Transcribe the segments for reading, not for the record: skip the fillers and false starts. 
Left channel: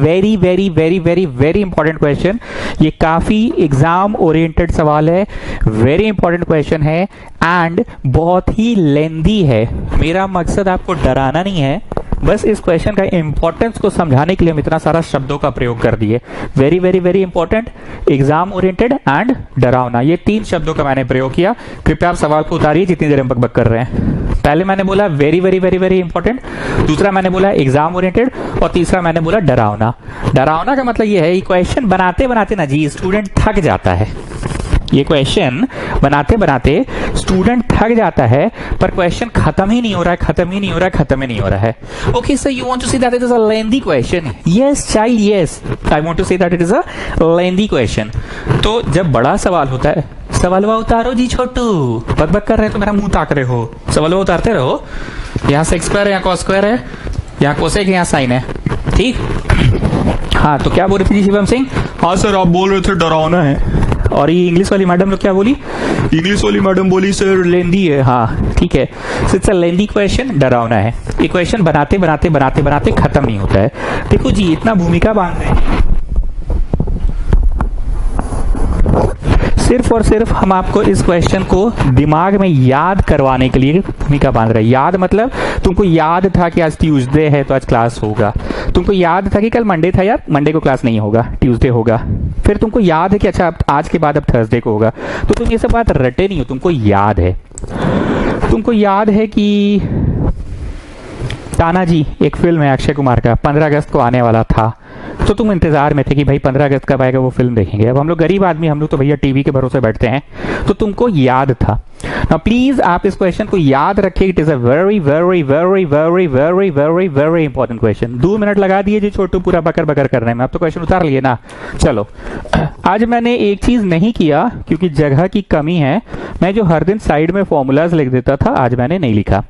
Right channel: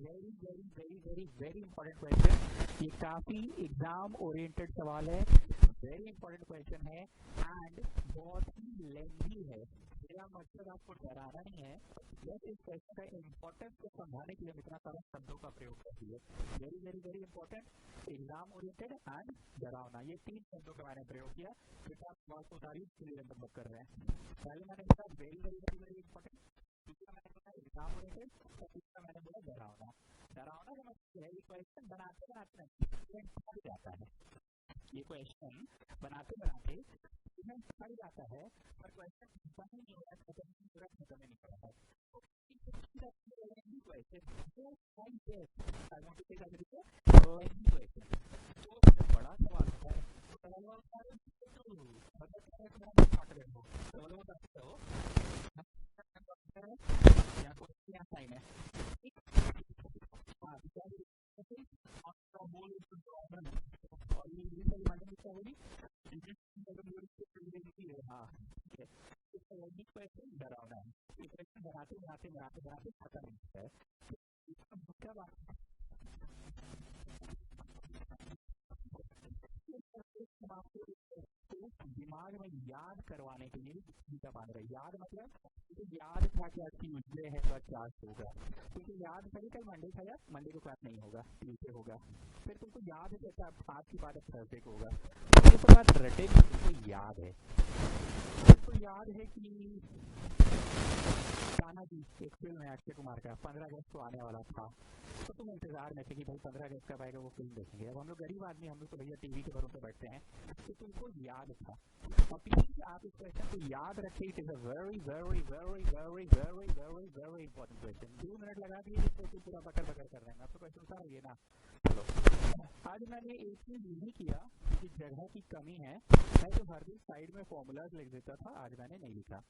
Very very very very very important question. ये काफी exam oriented सवाल है, वेरी इंपॉर्टेंट क्वेश्चन है एंड बहुत ही लेंदी है। मेरा मकसद आपको डराना नहीं है, बस इस क्वेश्चन का इंपॉर्टेंस को समझाने के लिए हम इतना सारा शब्दों का प्रयोग कर दिए। Very very very important, exam oriented and डरावना, ये 3 शब्दों का मैंने प्रयोग किया। कृपया आप सवाल को उतारिए जितनी देर हम बकबक कर रहे हैं। पहले मैंने बोला very very very very important, दूसरा मैंने बोला एग्जाम ओरिएंटेड और तीसरा मैंने बोला डरावना। डरावना का मतलब ये है ये क्वेश्चन बनाते बनाते ना जी स्टूडेंट थक जाता है। ये क्वेश्चन बनाते बनाते स्टूडेंट थक जाता है, पर क्वेश्चन खत्म ही नहीं हो रहा है, खत्म ही नहीं हो रहा है, खत्म ही नहीं हो रहा है। Okay sir, you want to say that it is a lengthy question? Yes child, yes, I want to say that it is a lengthy question. तो जब बड़ा सवाल होता है, सवालवा उतारो जी छोटू, बकबक कर रहे हैं तो मेरा मुंह ताक रहे हो, सवालवा उतारते रहो। यहाँ सेक स्क्वायर है, यहाँ कॉस स्क्वायर है, यहाँ कोसेक है, यहाँ साइन है, ठीक। हाँ, तो क्या बोल रहे थे जी शिवम सिंह? हाँ सर, आप बोल रहे थे डरावना है। और ये इंग्लिश वाली मैडम लोग क्या बोली? इंग्लिश वाली मैडम बोली सर लेंदी है। हाँ ठीक है, इट्स अ लेंदी क्वेश्चन, डरावना है। ये क्वेश्चन बनाते बनाते बनाते बनाते खत्म नहीं होता है। देखो जी, इतना भूमिका बांध रहे हैं, सिर्फ और सिर्फ हम आपको इस क्वेश्चन को दिमाग में याद करवाने के लिए भूमिका बांध रहे हैं। याद मतलब तुमको याद था कि आज ट्यूसडे है तो आज क्लास होगा, तुमको याद था कि कल मंडे था यार, मंडे को क्लास नहीं होगा, ट्यूसडे होगा। फिर तुमको याद है कि अच्छा आज के बाद अब थर्सडे को होगा, तो तुम ये सब बात रटे नहीं हो, तुमको याद है। तुमको याद है कि तानाजी एक फिल्म है अक्षय कुमार का, 15 अगस्त को आने वाला था, तो तुम इंतजार में थे कि भाई 15 अगस्त कब आएगा, वो फिल्म देखेंगे। अब हम लोग गरीब आदमी, हम लोग तो भैया टीवी के भरोसे बैठते हैं, तो तुमको याद था। नाउ प्लीज आप इस क्वेश्चन को याद रखिए, it is a very very very very very very very important question. 2 minute लगा दिए जी छोटू पूरा बकर बकर करने में, अब तो क्वेश्चन उतार लिए ना। चलो, आज मैंने एक चीज नहीं किया क्योंकि जगह की कमी है, मैं जो हर दिन साइड में फॉर्मूलाज लिख देता था आज मैंने नहीं लिखा।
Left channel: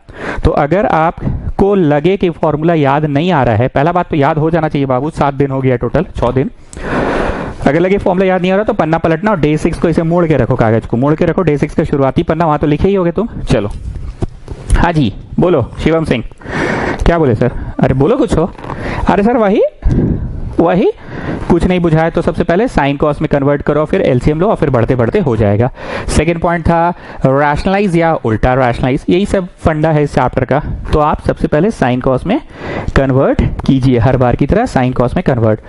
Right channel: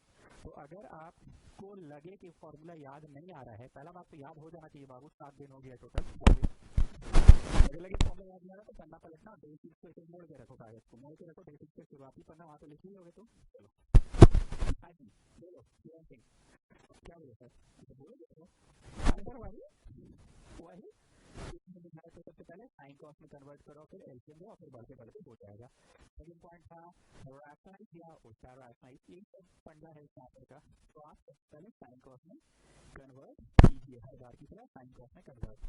तो अगर आपको लगे कि फॉर्मूला याद नहीं आ रहा है, पहला बात तो याद हो जाना चाहिए बाबू, 7 दिन हो गया टोटल, 6 दिन। अगर लगे फॉर्मूला याद नहीं आ रहा तो पन्ना पलटना और डे 6 को इसे मोड़ के रखो, कागज को मोड़ के रखो, डे 6 का शुरुआती पन्ना, वहां तो लिखे ही होगे तुम। चलो हाँ जी बोलो शिवम सिंह, क्या बोले सर? अरे बोलो कुछ हो। अरे सर वही वही, कुछ नहीं बुझाए तो सबसे पहले साइन कॉस में कन्वर्ट करो, फिर एलसीएम लो और फिर बढ़ते बढ़ते हो जाएगा। सेकंड पॉइंट था रैशनलाइज या उल्टा रैशनलाइज, यही सब फंडा है इस चैप्टर का। तो आप सबसे पहले साइन कॉस में कन्वर्ट कीजिए, हर बार की तरह साइन कॉस में कन्वर्ट।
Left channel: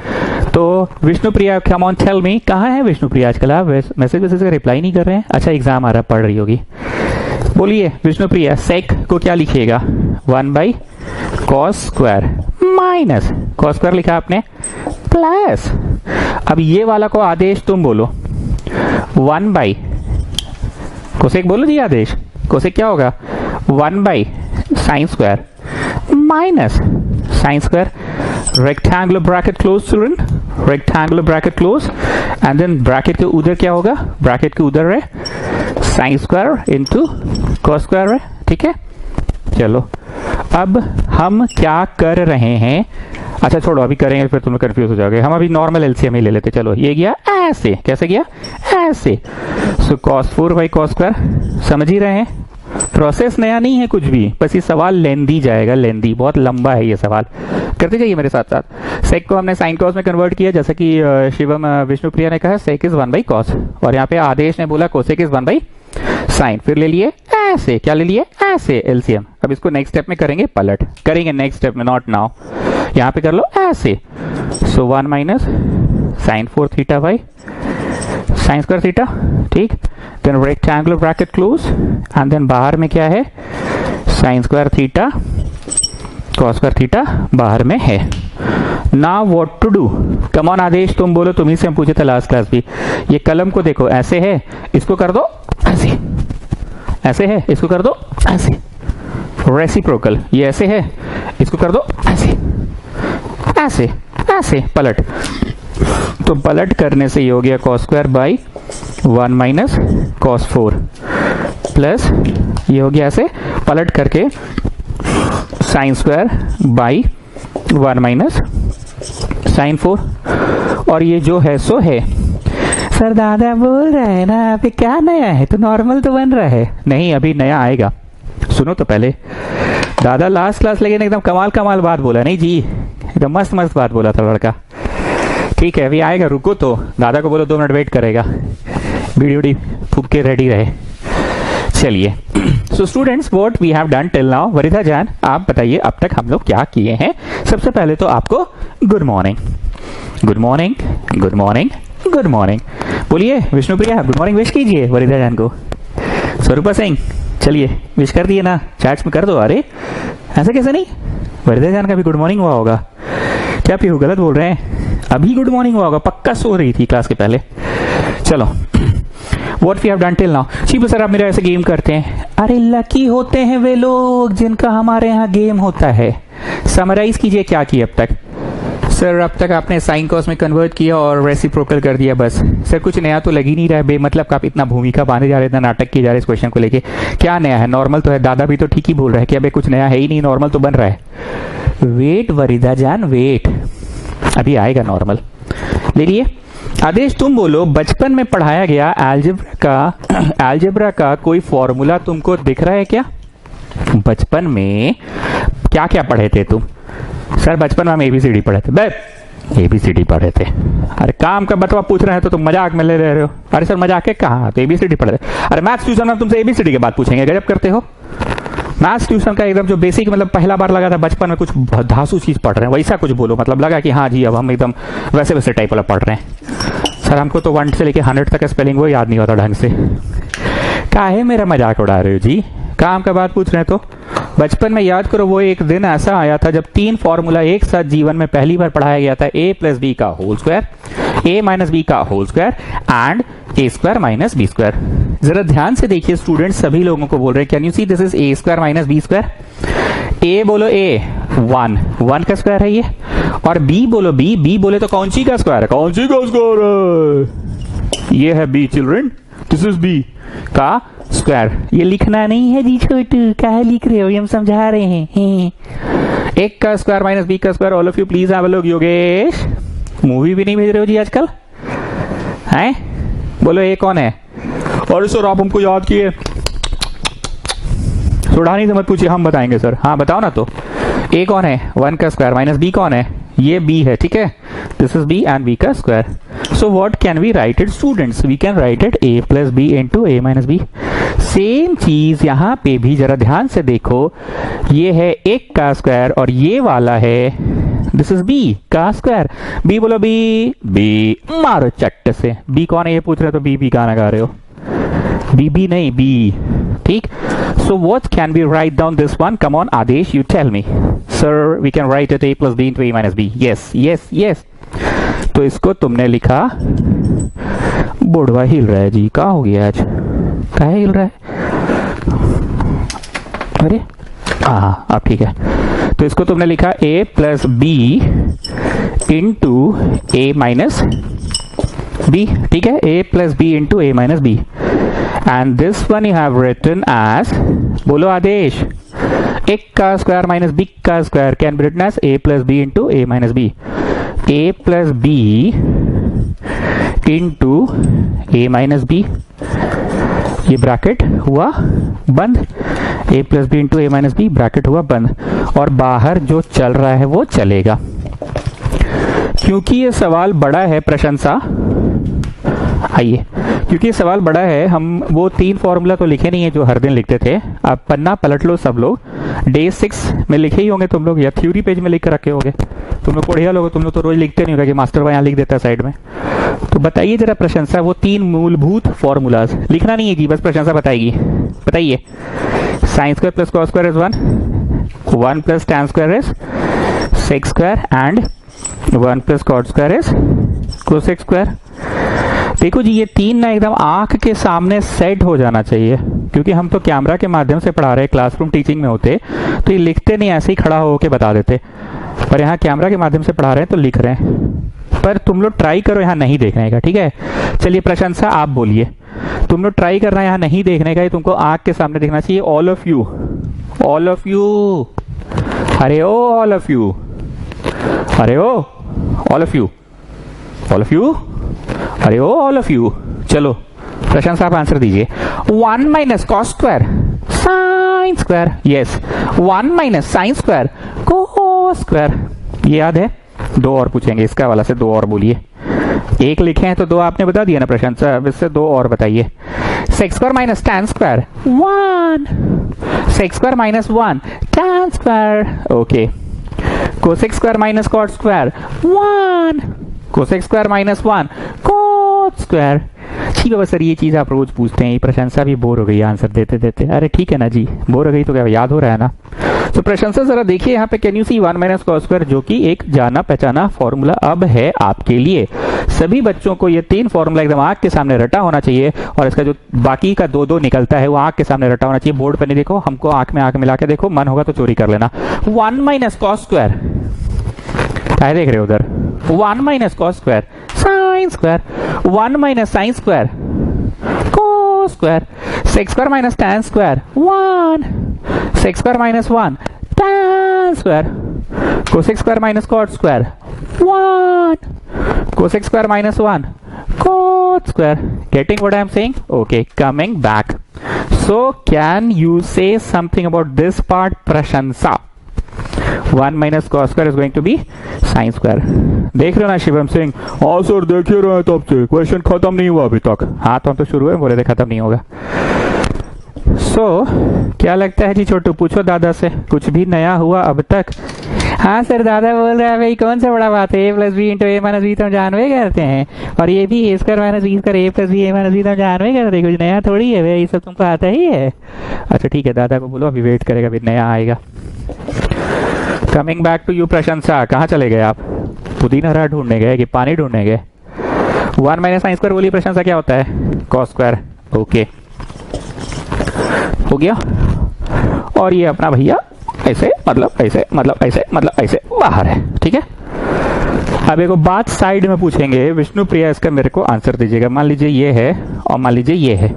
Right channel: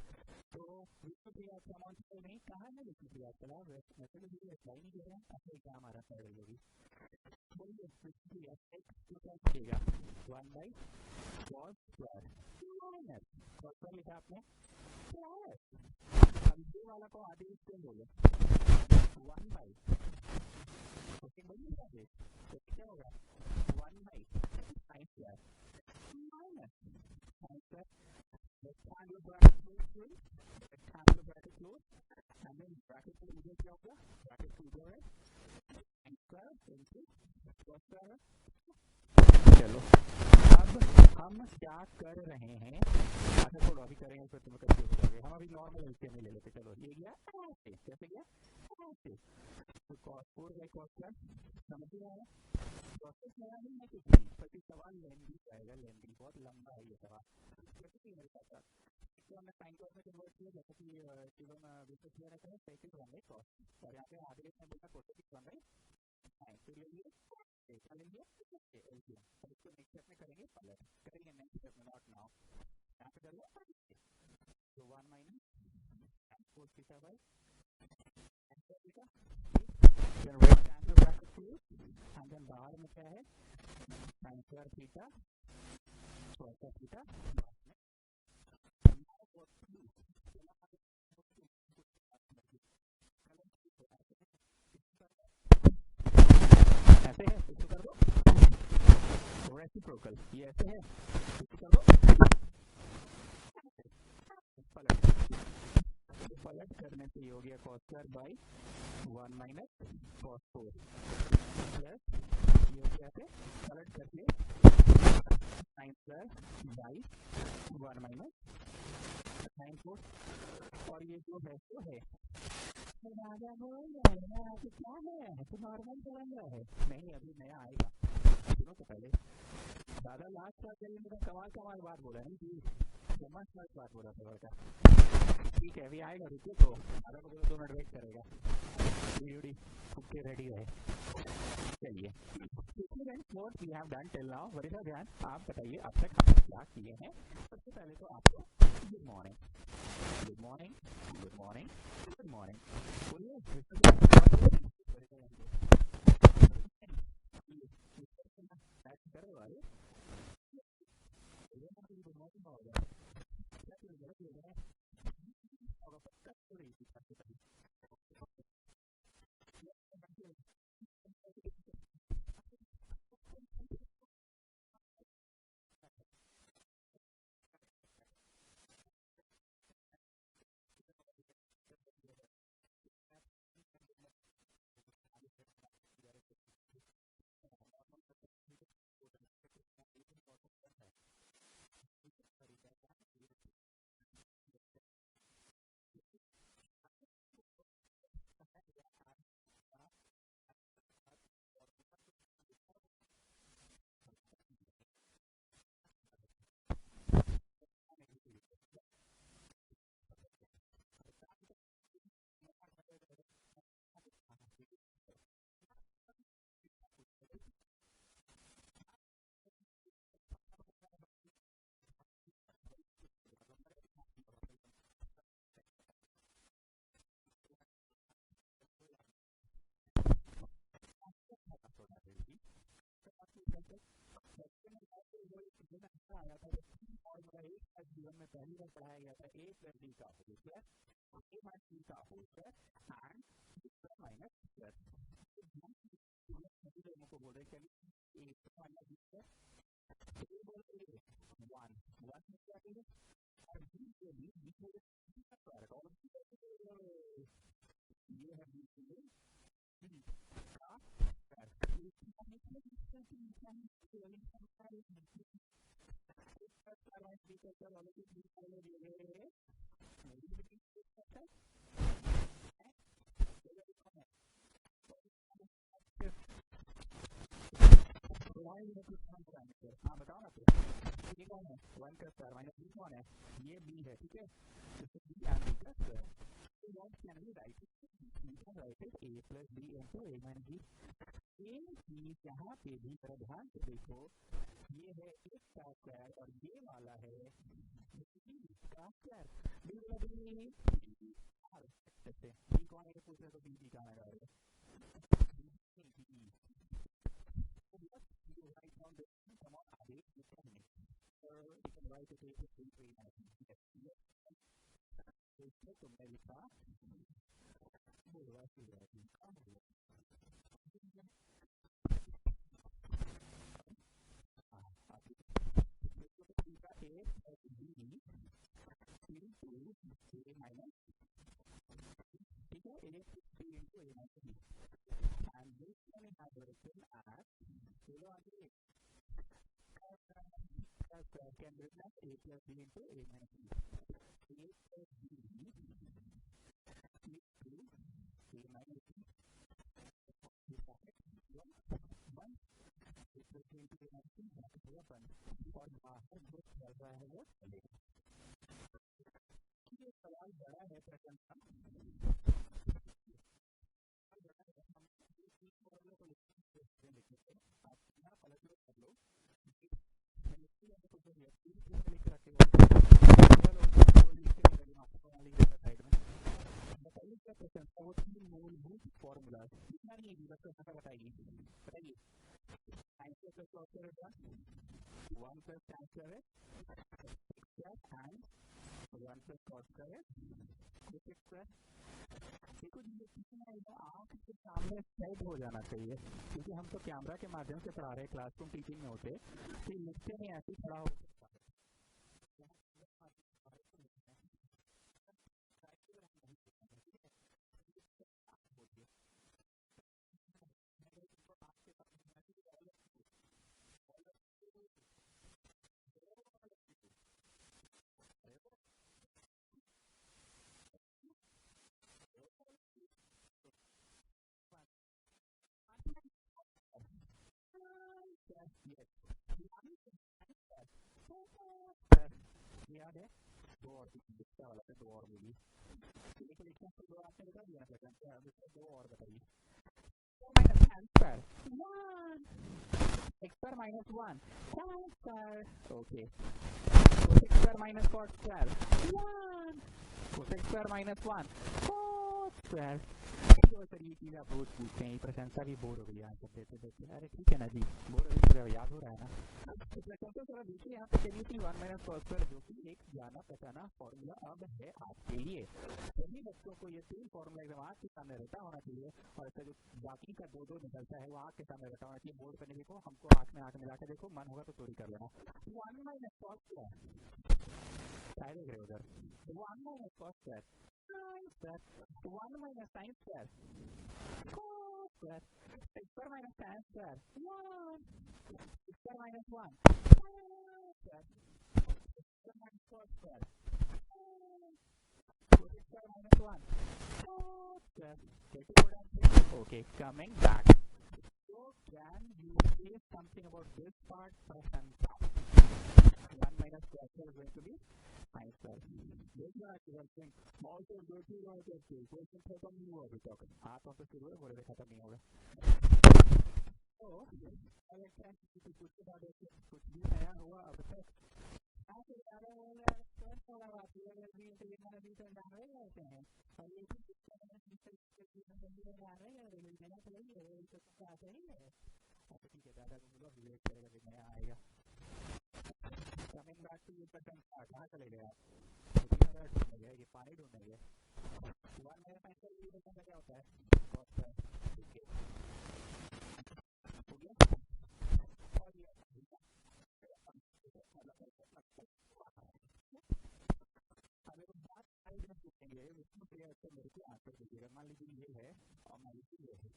तो Vishnupriya, come on tell me, कहाँ है विष्णुप्रिया आजकल? आप मैसेज का रिप्लाई नहीं कर रहे हैं। अच्छा एग्जाम आ रहा, पढ़ रही होगी। बोलिए विष्णुप्रिया, सेक को क्या लिखिएगा? 1 cos square minus cos square लिखा आपने प्लस, अब ये वाला को आदेश तुम बोलो, 1 कोसेक बोलो जी आदेश। कोसेक क्या होगा? 1 sine square minus sine square, rectangular bracket close children, rectangular bracket close, and then bracket के उधर क्या होगा? ब्रैकेट के उधर है sine square into cos square है, ठीक है। चलो अब हम क्या कर रहे हैं? अच्छा छोड़ो, अभी करेंगे फिर तुम कंफ्यूज हो जाओगे। हम अभी नॉर्मल एलसीएम ही ले लेते। चलो ये गया ऐसे, कैसे गया? ऐसे। सो cos 4 cos स्क्वायर, समझ ही रहे हैं, प्रोसेस नया नहीं है कुछ भी, बस ये सवाल लेंदी जाएगा, लेंदी, बहुत लंबा है ये सवाल, करते जाइए मेरे साथ साथ। सेक को हमने साइन कॉस में कन्वर्ट किया, जैसे कि शिवम विष्णुप्रिया ने कहा सेक इज 1 cos, और यहाँ पे आदेश ने बोला कोसेक इज 1 साइन, फिर ले लिए ऐसे, क्या ले लिए? ऐसे एलसीएम। अब इसको नेक्स्ट स्टेप में करेंगे पलट, करेंगे नेक्स्ट स्टेप में, नॉट नाउ। यहाँ पे कर लो ऐसे, so 1 minus sine 4 theta by sine square theta, ठीक। Then rectangular bracket close, and then बाहर में क्या है? Sine square theta cos square theta बाहर में है। Now what to do? Come on Adesh, तुम बोलो, तुम्ही से हम पूछे थे लास्ट क्लास भी। ये कलम को देखो, ऐसे है, इसको कर दो ऐसे, ऐसे है, इसको कर दो ऐसे, रेसिप्रोकल। ये ऐसे है, इसको कर दो ऐसे, ऐसे ऐसे, पलट। तो पलट करने से ये हो गया cos square by 1 minus cos 4 plus ये हो गया ऐसे, पलट करके sine square by 1 minus sine 4, और ये जो है सो है। सर दादा बोल रहे हैं ना, अभी क्या नया है? तो नॉर्मल तो बन रहा है। नहीं, अभी नया आएगा, सुनो तो पहले। दादा लास्ट क्लास लेकिन एकदम कमाल कमाल बात बोला, नहीं जी तो मस्त मस्त बात बोला था लड़का। ठीक है, अभी आएगा, रुको तो, दादा को बोलो 2 मिनट वेट करेगा, बीड़ी उड़ी फूक के रेडी रहे। चलिए, so students what we have done till now. Varita जान, आप बताइए अब तक हम लोग क्या किए हैं। सबसे पहले तो आपको good morning, good morning, good morning, good morning बोलिए। विष्णुप्रिया गुड मॉर्निंग विश कीजिए वरिता जान को। स्वरूपा सिंह चलिए विश कर दिए ना, चैट्स में कर दो। अरे ऐसे कैसे नहीं, वरिता जान का भी गुड मॉर्निंग हुआ होगा क्या? पीहू गलत बोल रहे हैं, अभी गुड मॉर्निंग हुआ होगा, पक्का सो रही थी क्लास के पहले। चलो, what we have done till now. चीपू सर आप मेरा ऐसे गेम करते हैं। अरे लकी होते हैं वे लोग जिनका हमारे यहाँ गेम होता है। समराइज कीजिए क्या किया अब तक। सर अब तक आपने साइन कॉस में कन्वर्ट किया और रेसिप्रोकल कर दिया बस। सर कुछ नया तो लग ही नहीं रहा है, बेमतलब का आप इतना भूमिका बांधे जा रहे, इतना नाटक किए जा रहे इस क्वेश्चन को लेके। क्या नया है? नॉर्मल तो है, दादा भी तो ठीक ही बोल रहा है कि अबे कुछ नया है ही नहीं, नॉर्मल तो बन रहा है। वेट वरिदा जान वेट, अभी आएगा नॉर्मल। ले लिए आदेश। तुम बोलो बचपन में पढ़ाया गया अलजेब्रा का कोई फॉर्मूला तुमको दिख रहा है क्या? बचपन में क्या क्या पढ़े थे तुम? सर बचपन में हम एबीसीडी पढ़े थे। बे एबीसीडी पढ़े थे? अरे काम का बतवा पूछ रहे हैं तो तुम मजाक में ले रहे हो। अरे सर मजाक है कहाँ, तो एबीसीडी पढ़े थे। अरे मैथ्स ट्यूशन में तुमसे एबीसीडी की बात पूछेंगे, गजब करते हो। मैथ्स ट्यूशन का एकदम जो बेसिक, मतलब पहला बार लगा था बचपन में, कुछ धासु चीज पढ़ रहे हैं वैसा कुछ बोलो, मतलब लगा कि हाँ जी अब हम एकदम वैसे वैसे टाइप वाला पढ़ रहे हैं। सर हमको तो 1 से लेके 100 तक का स्पेलिंग वो याद नहीं होता ढंग से। काहे मेरा मजाक उड़ा रहे हो जी? काम का बात पूछ रहे हैं तो बचपन में याद करो, वो एक दिन ऐसा आया था जब 3 फॉर्मूला एक साथ जीवन में पहली बार पढ़ाया गया था। a प्लस बी का whole square, a minus b का whole square and a square minus B square. जरा ध्यान से देखिए स्टूडेंट, सभी लोगों को बोल रहे हैं, can you see this is a square minus B square. a बोलो a 1 का स्क्वायर है ये, और b बोलो b बोले तो कौन सी का स्क्वायर है? कौन सी का स्क्वायर है? ये है b children, this is b का स्क्वायर। ये लिखना नहीं है जी छोटू, क्या है लिख रहे हो, ये हम समझा रहे हैं। 1 का स्क्वायर माइनस बी का square. All of you please have a look. Yogesh movie भी नहीं भेज रहे हो जी आजकल, हैं? बोलो ए कौन है? और सर आप हमको याद किए, सुढ़ानी से मत पूछिए, हम बताएंगे सर। हाँ बताओ ना तो, ए कौन है? 1 का स्क्वायर माइनस बी कौन है? ये b है, ठीक है, this is b and b का square. So what can we write it students? We can write it a plus B into a minus B. Same चीज यहाँ पे भी जरा ध्यान से देखो, ये है 1 का स्क्वायर और ये वाला है दिस इज b का स्क्वायर। b बोलो b मारो चट्ट से। b कौन है ये पूछ रहे हो तो b गाना गा रहे हो, b नहीं b, ठीक। So what can we write down this one? Come on Adesh, you tell me. Sir, we can write it a plus b into a minus b. Yes. तो इसको तुमने लिखा, बुढ़वा हिल रहा है जी, क्या हो गया आज, काहे हिल रहा है? अरे हाँ अब ठीक है। तो इसको तुमने लिखा a plus b into a minus b, ठीक है, a plus b into a minus b। And this one you have written as, बोलो आदेश, 1 का स्क्वायर माइनस b का square can be written as a plus b into a minus b। a plus b into a minus b, ये bracket हुआ बंद, a plus b into a minus b bracket हुआ बंद, और बाहर जो चल रहा है वो चलेगा। क्योंकि ये सवाल बड़ा है, प्रशंसा आइए, क्योंकि ये सवाल बड़ा है, हम वो 3 फॉर्मूला तो लिखे नहीं है जो हर दिन लिखते थे। आप पन्ना पलट लो, सब लोग डे 6 में लिखे ही होंगे तुम लोग, या थ्योरी पेज में लिख कर रखे होंगे। तुम लोग बढ़िया लोग, तुम लोग तो रोज लिखते नहीं होगा कि मास्टर भाई यहाँ लिख देता है साइड में। तो बताइए जरा प्रशंसा, वो 3 मूलभूत फॉर्मूलाज लिखना नहीं है जी, बस प्रशंसा बताएगी। बताइए, sine square plus cos square is 1 plus tan square is sec square and 1 plus cot square is cosec square. देखो जी, ये 3 ना एकदम आंख के सामने सेट हो जाना चाहिए, क्योंकि हम तो कैमरा के माध्यम से पढ़ा रहे हैं, क्लासरूम टीचिंग में होते तो ये लिखते नहीं, ऐसे ही खड़ा होके बता देते, पर यहाँ कैमरा के माध्यम से पढ़ा रहे हैं तो लिख रहे हैं। पर तुम लोग ट्राई करो यहाँ नहीं देखने का, ठीक है? चलिए प्रशंसा आप बोलिए, तुम लोग ट्राई करना यहाँ नहीं देखने का, ये तुमको आंख के सामने देखना चाहिए। ऑल ऑफ यू, अरे ओ ऑल ऑफ यू, अरे ओ ऑल ऑफ यू, अरे ओ ऑल ऑफ यू। चलो प्रशंसा आप आंसर दीजिए। 1 minus cos square sine square, yes, 1 minus sine square cos square. ये याद है? दो और पूछेंगे, इसका वाला से दो और बोलिए। एक लिखे हैं तो दो आपने बता दिया ना प्रशांत सर, अब इससे दो और बताइए। Sec square minus tan square 1, sec square minus 1 tan square, okay. Cosec square minus cot square 1, cosec square minus 1 cot square. ठीक है बस सर, ये चीज आप रोज पूछते हैं, ये प्रशंसा भी बोर हो गई आंसर देते देते। अरे ठीक है ना जी, बोर हो गई तो क्या याद हो रहा है ना। तो प्रशंसा जरा देखिए यहाँ पे, can you see 1 minus cos square, जो कि एक जाना पहचाना फॉर्मूला अब है आपके लिए। सभी बच्चों को ये 3 फॉर्मूला एकदम आंख के सामने रटा होना चाहिए, और इसका जो बाकी का 2-2 निकलता है वो आंख के सामने रटा होना चाहिए। बोर्ड पर नहीं देखो, हमको आंख में आंख मिला के देखो, मन होगा तो चोरी कर लेना। 1 माइनस कॉस स्क्वायर, क्या देख रहे हो उधर? 1 minus cos square sine square, 1 minus sine square cos square, sec square minus tan square 1, sec square minus 1 tan square, cosec square minus cot square 1, cosec square minus 1 cot square. Getting what I am saying? Okay, coming back. So can you say something about this part, Prashansa? 1 minus cos square is going to be sin square. देख रहे हो ना शिवम सिंह? हाँ sir देख ही रहे हैं तब से, क्वेश्चन खत्म नहीं हुआ अभी तक। हाँ तो हम तो शुरू है, बोले थे खत्म नहीं होगा। क्या लगता है जी छोटू? पूछो दादा से, कुछ भी नया हुआ अब तक? हाँ सर, दादा बोल रहा है भाई कौन सा बड़ा बात है, a plus B into A minus B तो हम जानवे करते हैं, और ये भी A square minus B square A plus B A minus B तो हम जानवे करते हैं, कुछ नया थोड़ी है भाई, ये सब तुमको आता ही है। अच्छा ठीक है, दादा को बोलो अभी वेट करेगा, अभी नया आएगा। कमिंग बैक टू यू प्रशंसा, कहाँ चले गए आप? पुदीना हरा ढूंढने गए कि पानी ढूंढने गए? 1 माइनस साइन स्क्वायर बोलिए प्रशंसा, क्या होता है? Cos square. ओके हो गया। और ये अपना भैया ऐसे मतलब ऐसे मतलब ऐसे मतलब ऐसे बाहर है, ठीक है। अब एक बात साइड में पूछेंगे, विष्णु प्रिया इसका मेरे को आंसर दीजिएगा। मान लीजिए ये है और मान लीजिए ये है,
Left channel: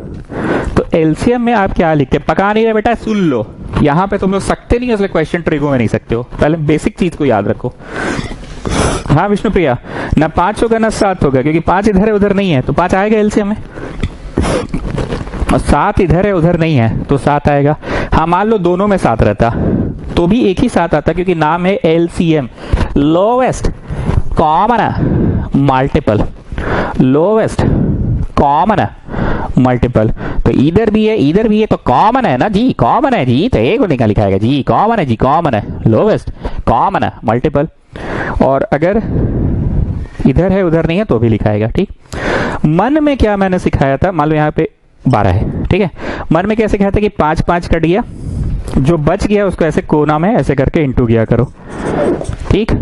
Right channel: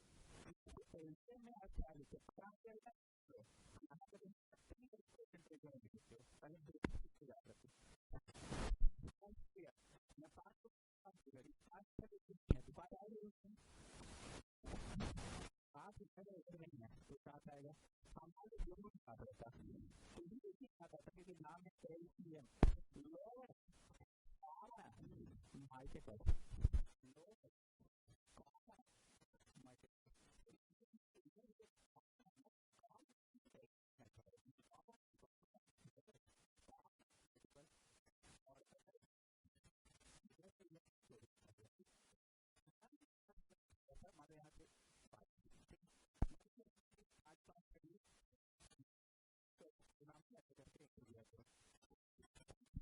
तो एलसीएम में आप क्या लिखते हैं? पका नहीं रहे बेटा, सुन लो, यहाँ पे तुम लोग सकते नहीं, इसलिए क्वेश्चन ट्रिगो में नहीं सकते हो। पहले बेसिक चीज को याद रखो। हाँ विष्णु प्रिया, ना 5 होगा ना 7 होगा, क्योंकि 5 इधर है उधर नहीं है, तो 5 आएगा एलसीएम में, और 7 इधर है उधर नहीं है तो 7 आएगा। हाँ मान लो दोनों में 7 रहता तो भी एक ही 7 आता, क्योंकि नाम है LCM, lowest common multiple, lowest common multiple. तो इधर भी है इधर भी है, तो कॉमन है ना जी, कॉमन है जी, तो एक को निकाल लिखाएगा जी, कॉमन है जी, कॉमन है, लोवेस्ट कॉमन मल्टीपल। और अगर इधर है उधर नहीं है तो भी लिखाएगा, ठीक। मन में क्या मैंने सिखाया था, मान लो यहाँ पे 12 है, ठीक है। मन में क्या सिखाया था कि 5 5 कट गया, जो बच गया उसको ऐसे कोना में ऐसे करके इंटू किया करो, ठीक।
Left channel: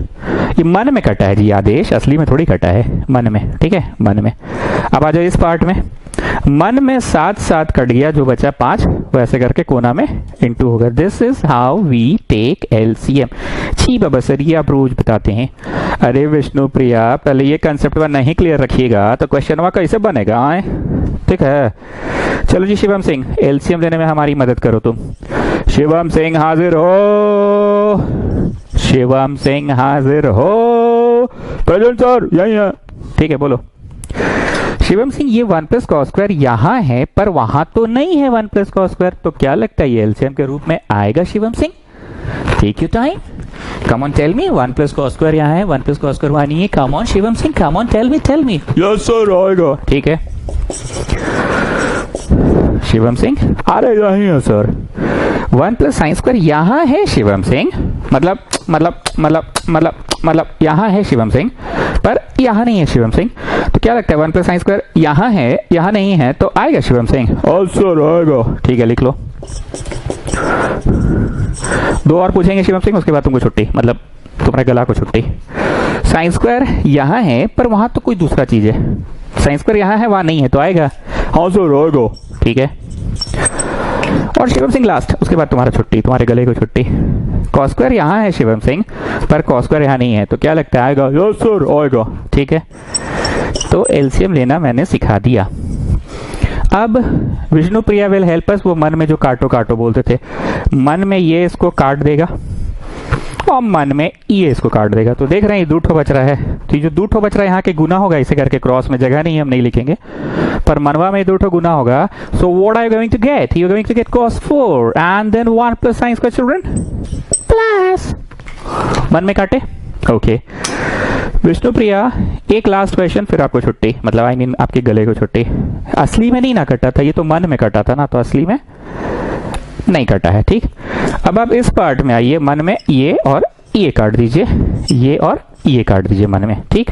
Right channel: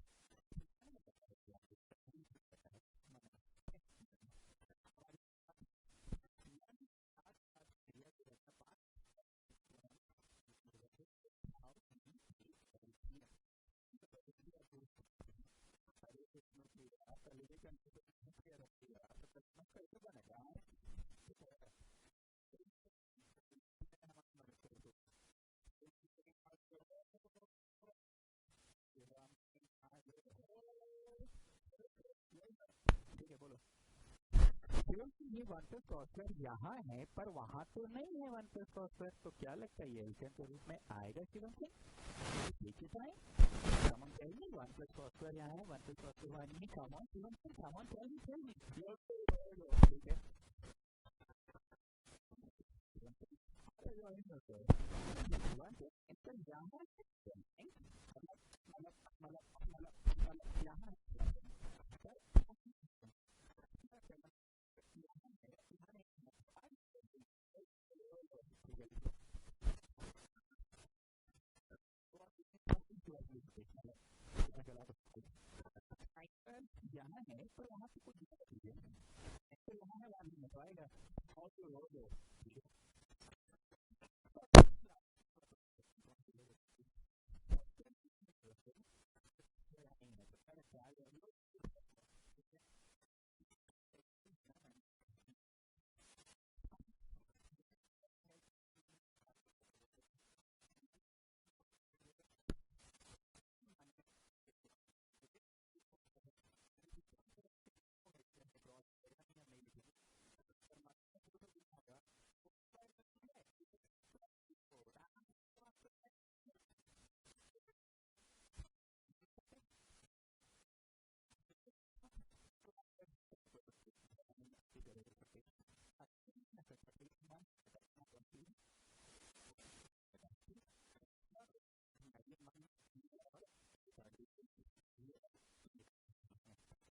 ये मन में कटा है जी आदेश, असली में थोड़ी कटा है, मन में, ठीक है, मन में। अब आ जाओ इस पार्ट में, मन में 7 7 कट गया, जो बचा 5 वो ऐसे करके कोना में इंटू होगा। This is how we take LCM. छी बाबा सर, ये आप रोज बताते हैं। अरे विष्णु प्रिया, पहले ये कंसेप्ट वन नहीं क्लियर रखिएगा तो क्वेश्चन वा कैसे बनेगा आए, ठीक है। चलो जी शिवम सिंह, एलसीएम लेने में हमारी मदद करो तुम। शिवम सिंह हाजिर हो, शिवम सिंह हाजिर हो। प्रेजेंट सर, यही है, ठीक है बोलो। शिवम सिंह, ये 1 प्लस कॉस स्क्वायर यहाँ है पर वहां तो नहीं है 1 प्लस कॉस स्क्वायर, तो क्या लगता है ये एलसीएम के रूप में आएगा? Shivam Singh take you time, come on tell me. 1 plus cos square यहाँ है, 1 प्लस कॉस स्क्वायर वहां नहीं है, come on Shivam Singh, come on tell me. Yes sir आएगा, ठीक है। शिवम सिंह, अरे यही है सर, 1 प्लस साइन स्क्वायर यहाँ है शिवम सिंह, मतलब यहाँ है शिवम सिंह, पर यहाँ नहीं है शिवम सिंह। तो क्या लगता है 1 प्लस साइन स्क्वायर यहाँ है, यहाँ नहीं है, तो आएगा शिवम सिंह? सर आएगा, ठीक है लिख लो। 2 और पूछेंगे शिवम सिंह, उसके बाद तुमको छुट्टी, मतलब तुम्हारे गला को छुट्टी। साइन स्क्वायर यहाँ है पर वहां तो कोई दूसरा चीज है, साइन स्क्वायर यहाँ है वहां नहीं है, तो आएगा? हाँ सर आएगा, ठीक है। और शिवम सिंह लास्ट, उसके बाद तुम्हारा छुट्टी, तुम्हारे गले को छुट्टी। कॉस स्क्वायर यहाँ है शिवम सिंह, पर कॉस स्क्वायर यहाँ नहीं है, तो क्या लगता है आएगा? यस सर आएगा, ठीक है। तो एलसीएम लेना मैंने सिखा दिया। अब Vishnu Priya will help us, वो मन में जो काटो काटो बोलते थे, मन में ये इसको काट देगा और मन में ये इसको काट देगा। तो देख रहे हैं ये 2 ठो बच रहा है, तो ये जो 2 ठो बच रहा है यहाँ के गुना होगा, इसे करके क्रॉस में जगह नहीं, हम नहीं लिखेंगे, पर मनवा में 2 ठो गुना होगा। So what are you going to get? You are going to get cos 4 and then 1 plus sine square children plus, मन में काटे ओके विष्णु प्रिया, एक लास्ट क्वेश्चन फिर आपको छुट्टी, मतलब आई मीन आपके गले को छुट्टी। असली में नहीं ना कटा था, ये तो मन में कटा था ना, तो असली में नहीं कटा है। ठीक, अब आप इस पार्ट में आइए, मन में ये और ये काट दीजिए, ये और ये काट दीजिए मन में। ठीक,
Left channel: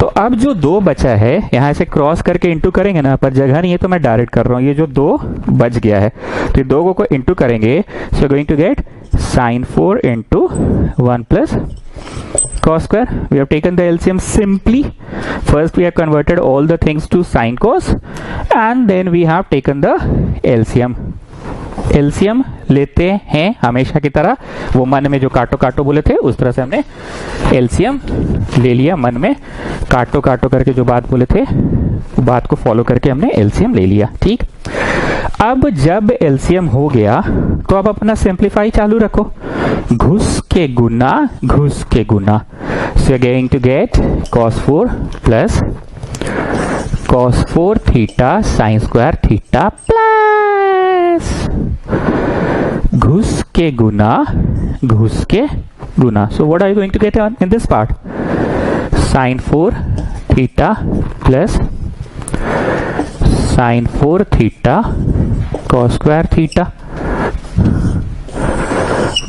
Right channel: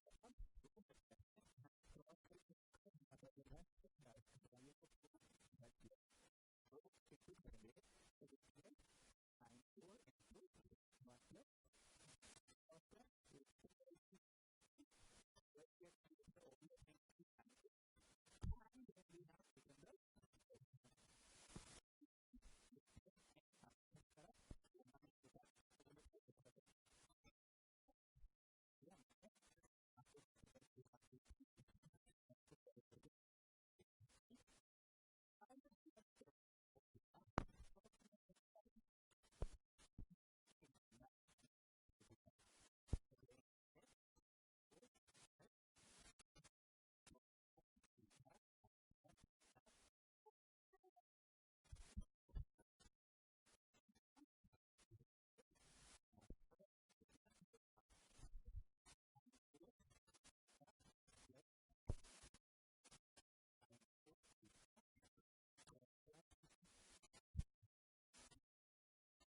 तो अब जो 2 बचा है यहाँ से क्रॉस करके इंटू करेंगे ना, पर जगह नहीं है तो मैं डायरेक्ट कर रहा हूँ, ये जो 2 बच गया है तो ये 2 को इंटू करेंगे, so going to get sin 4 into 1 plus cos square. We have taken the LCM simply. First we have converted all the things to sin cos and then we have taken the LCM. LCM लेते हैं हमेशा की तरह, वो मन में जो काटो काटो बोले थे उस तरह से हमने LCM ले लिया, मन में काटो काटो करके जो बात बोले थे बात को फॉलो करके हमने LCM ले लिया। ठीक, अब जब LCM हो गया तो अब अपना सिंप्लीफाई चालू रखो, घुस के गुना, so you going to get cos 4 plus cos 4 theta sin square theta plus घुस के गुना, so what are you going to get in this part, sin 4 theta plus sin 4 theta cos square theta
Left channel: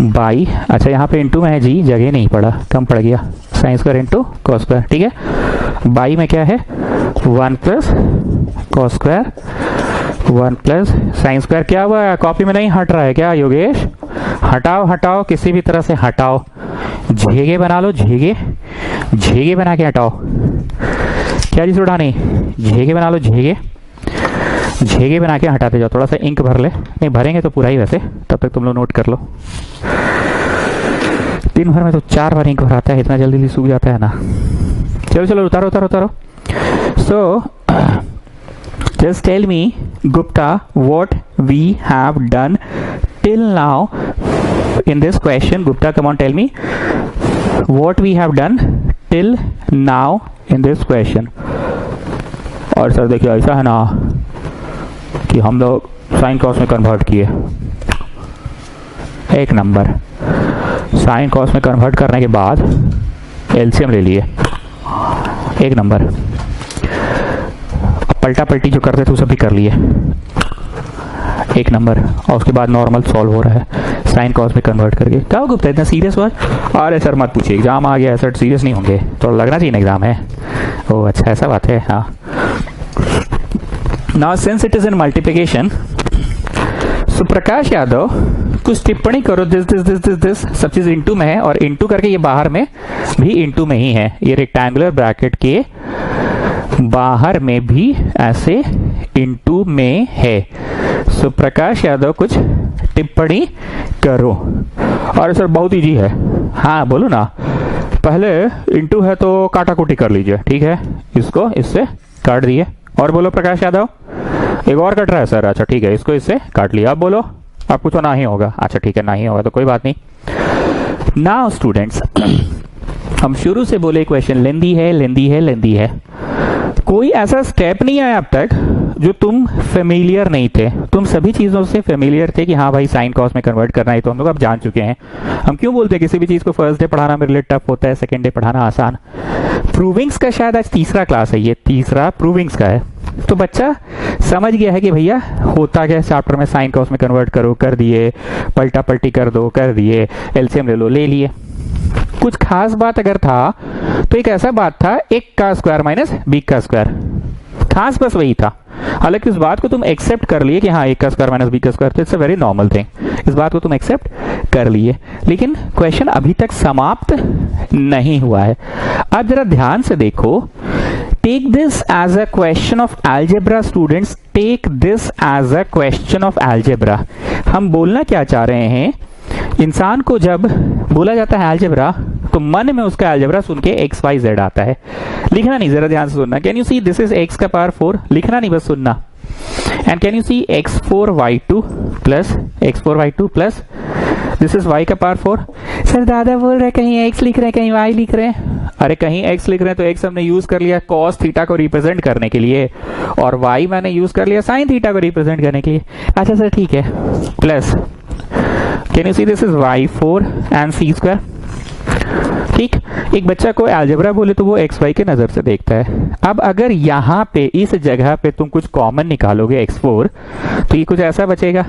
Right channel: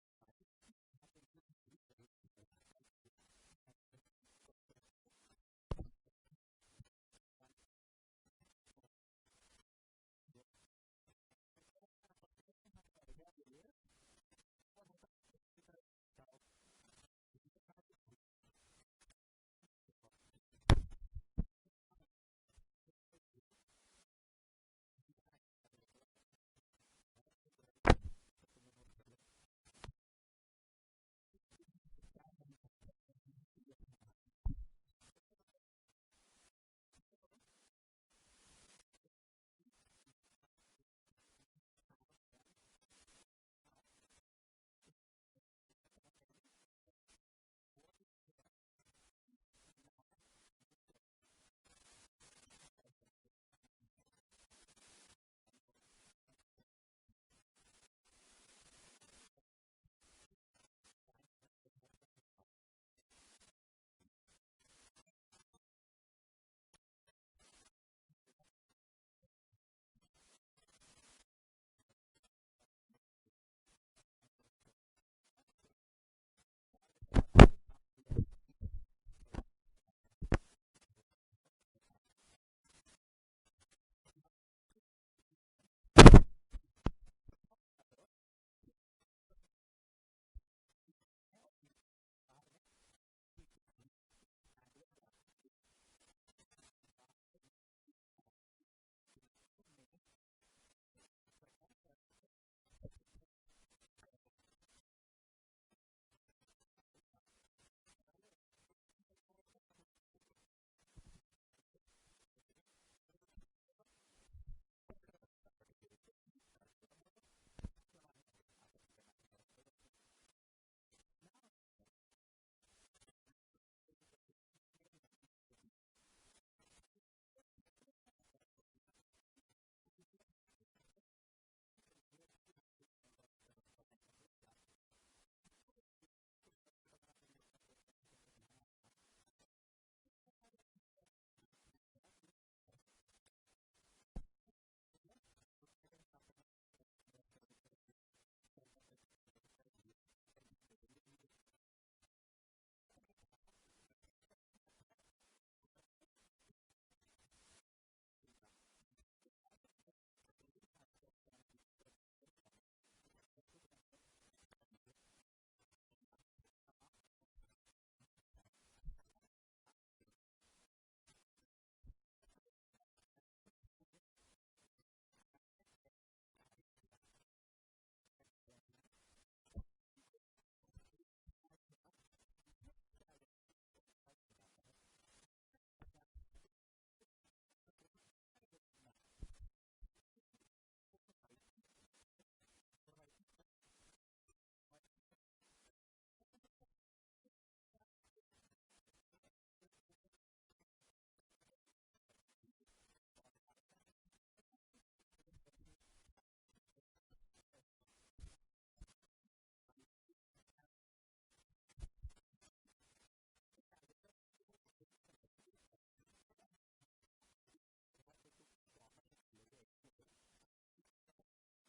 by, अच्छा यहाँ पे into में है जी, जगह नहीं पड़ा, कम पड़ गया, sin square into cos square. ठीक है, बाई में क्या है 1 plus cos square 1 plus sin square, क्या हुआ कॉपी में नहीं हट रहा है क्या योगेश, हटाओ किसी भी तरह से हटाओ, झेगे बना लो, झेगे बना के हटाओ, क्या चीज उठानी, झेगे बना लो, झेगे बना के हटाते जाओ, थोड़ा सा इंक भर ले, नहीं भरेंगे तो पूरा ही, वैसे तब तक तुम लोग नोट कर लो, दिन भर में तो 4 बार इंक भराता है, इतना जल्दी सूख जाता है ना। चलो उतारो। सो just tell me Gupta what we have done till now in this question. Gupta, come on, tell me what we have done till now in this question. और सर देखिए ऐसा है ना कि हम लोग साइन कॉस में कन्वर्ट किए, एक नंबर, साइन कॉस में कन्वर्ट करने के बाद एलसीएम ले लिए, एक नंबर, पलटा पलटी जो करते थे वो सब भी कर लिए, एक नंबर, और उसके बाद नॉर्मल सॉल्व हो रहा है साइन कॉस में कन्वर्ट करके। क्या हो गुप्ता इतना सीरियस हुआ? अरे सर मत पूछिए, एग्जाम आ गया है सर, सीरियस नहीं होंगे, तो लगना चाहिए ना एग्जाम है। ओह अच्छा ऐसा बात है, हाँ। Now since it is in multiplication, so Prakash Yadav कुछ टिप्पणी करो, दिस सब चीज इंटू में है, और इंटू करके ये बाहर में भी इंटू में ही है, ये रेक्टेंगुलर ब्रैकेट के बाहर में भी ऐसे इंटू में है। सो प्रकाश यादव कुछ टिप्पणी करो। और सर बहुत इजी है, हाँ बोलो ना, पहले इंटू है तो काटाकुटी कर लीजिए, ठीक है, इसको इससे काट दिए, और बोलो प्रकाश यादव, एक और कट रहा है सर, अच्छा ठीक है, इसको इससे काट लिया, अब बोलो, अब कुछ ना ही होगा, अच्छा ठीक है ना ही होगा तो कोई बात नहीं। नाउ स्टूडेंट्स, हम शुरू से बोले क्वेश्चन लेंदी है, कोई ऐसा स्टेप नहीं आया अब तक जो तुम फेमिलियर नहीं थे, तुम सभी चीजों से फेमिलियर थे कि हाँ भाई साइन कॉस में कन्वर्ट करना है, तो हम लोग अब जान चुके हैं। हम क्यों बोलते हैं किसी भी चीज को फर्स्ट डे पढ़ाना मेरे लिए टफ होता है, सेकेंड डे पढ़ाना आसान। प्रूविंग्स का शायद आज तीसरा क्लास है, ये तीसरा प्रूविंग्स का है, तो बच्चा समझ गया है कि भैया होता क्या चैप्टर में, साइन कॉस में कन्वर्ट करो, कर दिए, पलटा पलटी कर दो, कर दिए, एलसीएम ले लो, ले लिए। कुछ खास बात अगर था तो एक ऐसा बात था, एक का स्क्वायर माइनस बी का स्क्वायर, खास बस वही था। हालांकि इस बात को तुम एक्सेप्ट कर लिए कि हाँ एक का स्क्वायर माइनस बी का स्क्वायर, तो it's a very normal thing, इस बात को तुम एक्सेप्ट कर लिए, लेकिन क्वेश्चन अभी तक समाप्त नहीं हुआ है। अब जरा ध्यान से देखो, take this as a question of algebra students, take this as a question of algebra. हम बोलना क्या चाह रहे हैं, इंसान को जब बोला जाता है अलजेब्रा तो मन में उसका अलजेब्रा सुन के एक्स वाई जेड आता है, लिखना नहीं, जरा ध्यान से सुनना। Can you see this is X का पावर 4, लिखना नहीं बस सुनना। And can you see x4y2 plus this is y का पावर 4। सर दादा बोल रहे कहीं x लिख रहे हैं कहीं y लिख रहे हैं, अरे कहीं x लिख रहे हैं तो x हमने यूज कर लिया cos थीटा को रिप्रेजेंट करने के लिए, और y मैंने यूज कर लिया sin थीटा को रिप्रेजेंट करने के लिए। अच्छा सर ठीक है, plus can you see this is y4 and c square, ठीक, एक बच्चा को अलजेब्रा बोले तो वो एक्स वाई के नजर से देखता है। अब अगर यहाँ पे इस जगह पे तुम कुछ कॉमन निकालोगे x4, तो ये कुछ ऐसा बचेगा।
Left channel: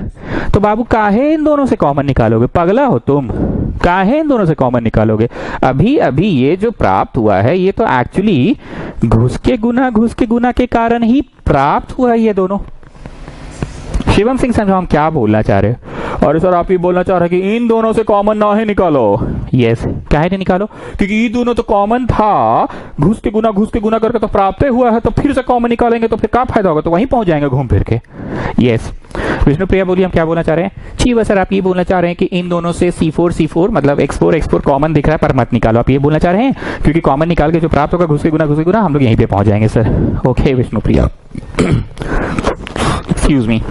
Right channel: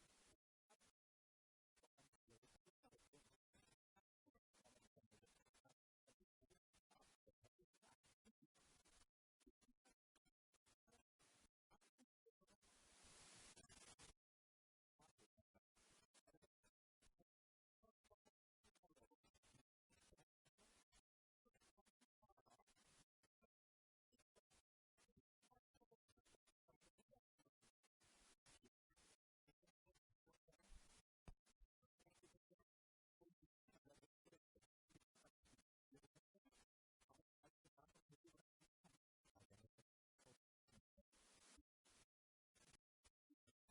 तो बाबू काहे इन दोनों से कॉमन निकालोगे, पगला हो तुम, काहे इन दोनों से कॉमन निकालोगे? अभी अभी ये जो प्राप्त हुआ है ये तो एक्चुअली घुस के गुना के कारण ही प्राप्त हुआ है ये दोनों। शिवम सिंह समझो हम क्या बोलना चाह रहे हैं। और सर आप ये बोलना चाह रहे हैं कि इन दोनों से कॉमन ना ही निकालो। यस, क्या है निकालो, क्योंकि ये दोनों तो कॉमन था, घुस के गुना करके तो प्राप्त हुआ है, तो फिर से कॉमन निकालेंगे तो फिर क्या फायदा होगा, तो वहीं पहुंच जाएंगे घूम फिर के। यस, विष्णु प्रिया बोलिए हम क्या बोलना चाह रहे हैं? जी बस सर आप ये बोलना चाह रहे हैं कि इन दोनों से C4 मतलब x4 कॉमन दिख रहा है पर मत निकालो, आप ये बोलना चाह रहे हैं, क्योंकि कॉमन निकाल के जो प्राप्त होगा घुस के गुना हम लोग यहीं पे पहुंच जाएंगे sir. Okay Vishnu Priya, excuse me.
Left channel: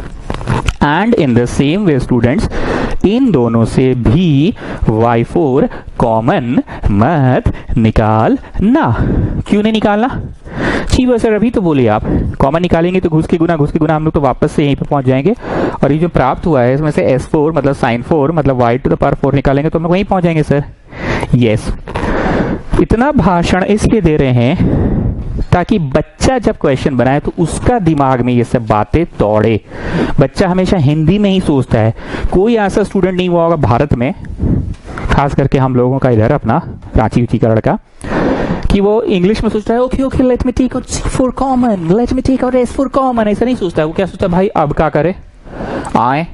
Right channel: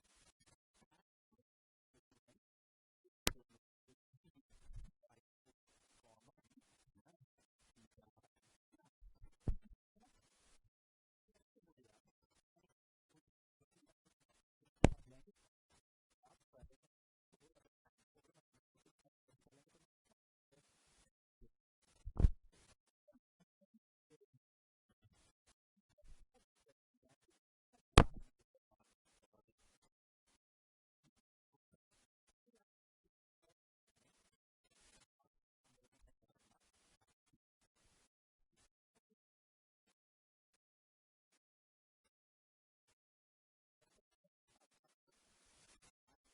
And in the same way students, इन दोनों से भी y4 कॉमन मत निकालना। क्यों नहीं निकालना? जी वो सर अभी तो बोलिए आप, कॉमन निकालेंगे तो घुस के गुना हम लोग तो वापस से यहीं पे पहुंच जाएंगे, और ये जो प्राप्त हुआ है इसमें से S4 मतलब sin 4 मतलब y to the power 4 निकालेंगे तो हम लोग वहीं पहुंच जाएंगे सर। यस, इतना भाषण इसलिए दे रहे हैं ताकि बच्चा जब क्वेश्चन बनाए तो उसका दिमाग में ये सब बातें दौड़े। बच्चा हमेशा हिंदी में ही सोचता है, कोई ऐसा स्टूडेंट नहीं हुआ होगा भारत में, खास करके हम लोगों का इधर अपना रांची उची का लड़का, कि वो इंग्लिश में सोचता है okay let me take out C4 common, let me take out S4 common. ऐसा नहीं सोचता है, वो क्या सोचता है, भाई अब क्या करे, आए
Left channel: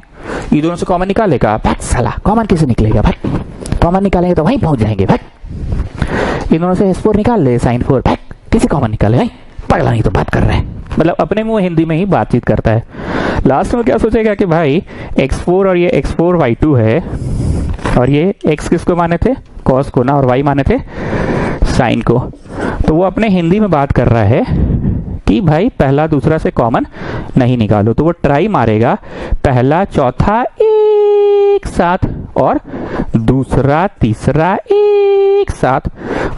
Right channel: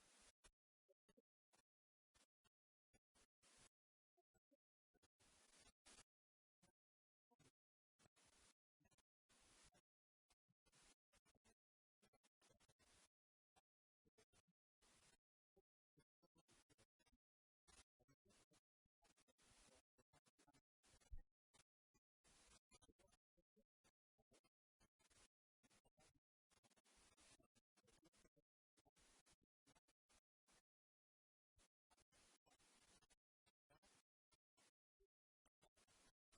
ये दोनों से कॉमन निकालेगा, भाग साला कॉमन कैसे निकलेगा, भाग कॉमन निकालेंगे तो वहीं पहुंच जाएंगे, भाग इन दोनों से S4 निकाल ले, sin 4 भाग किसी कॉमन निकाले, भाई पगला नहीं तो बात कर रहे हैं, मतलब अपने मुंह हिंदी में ही बातचीत करता है। लास्ट में क्या सोचेगा कि भाई x4 और ये x4 y2 है, और ये x किसको माने थे, cos को ना, और y माने थे साइन को, तो वो अपने हिंदी में बात कर रहा है कि भाई पहला दूसरा से कॉमन नहीं निकालो, तो वो ट्राई मारेगा पहला चौथा एक साथ और दूसरा तीसरा एक साथ,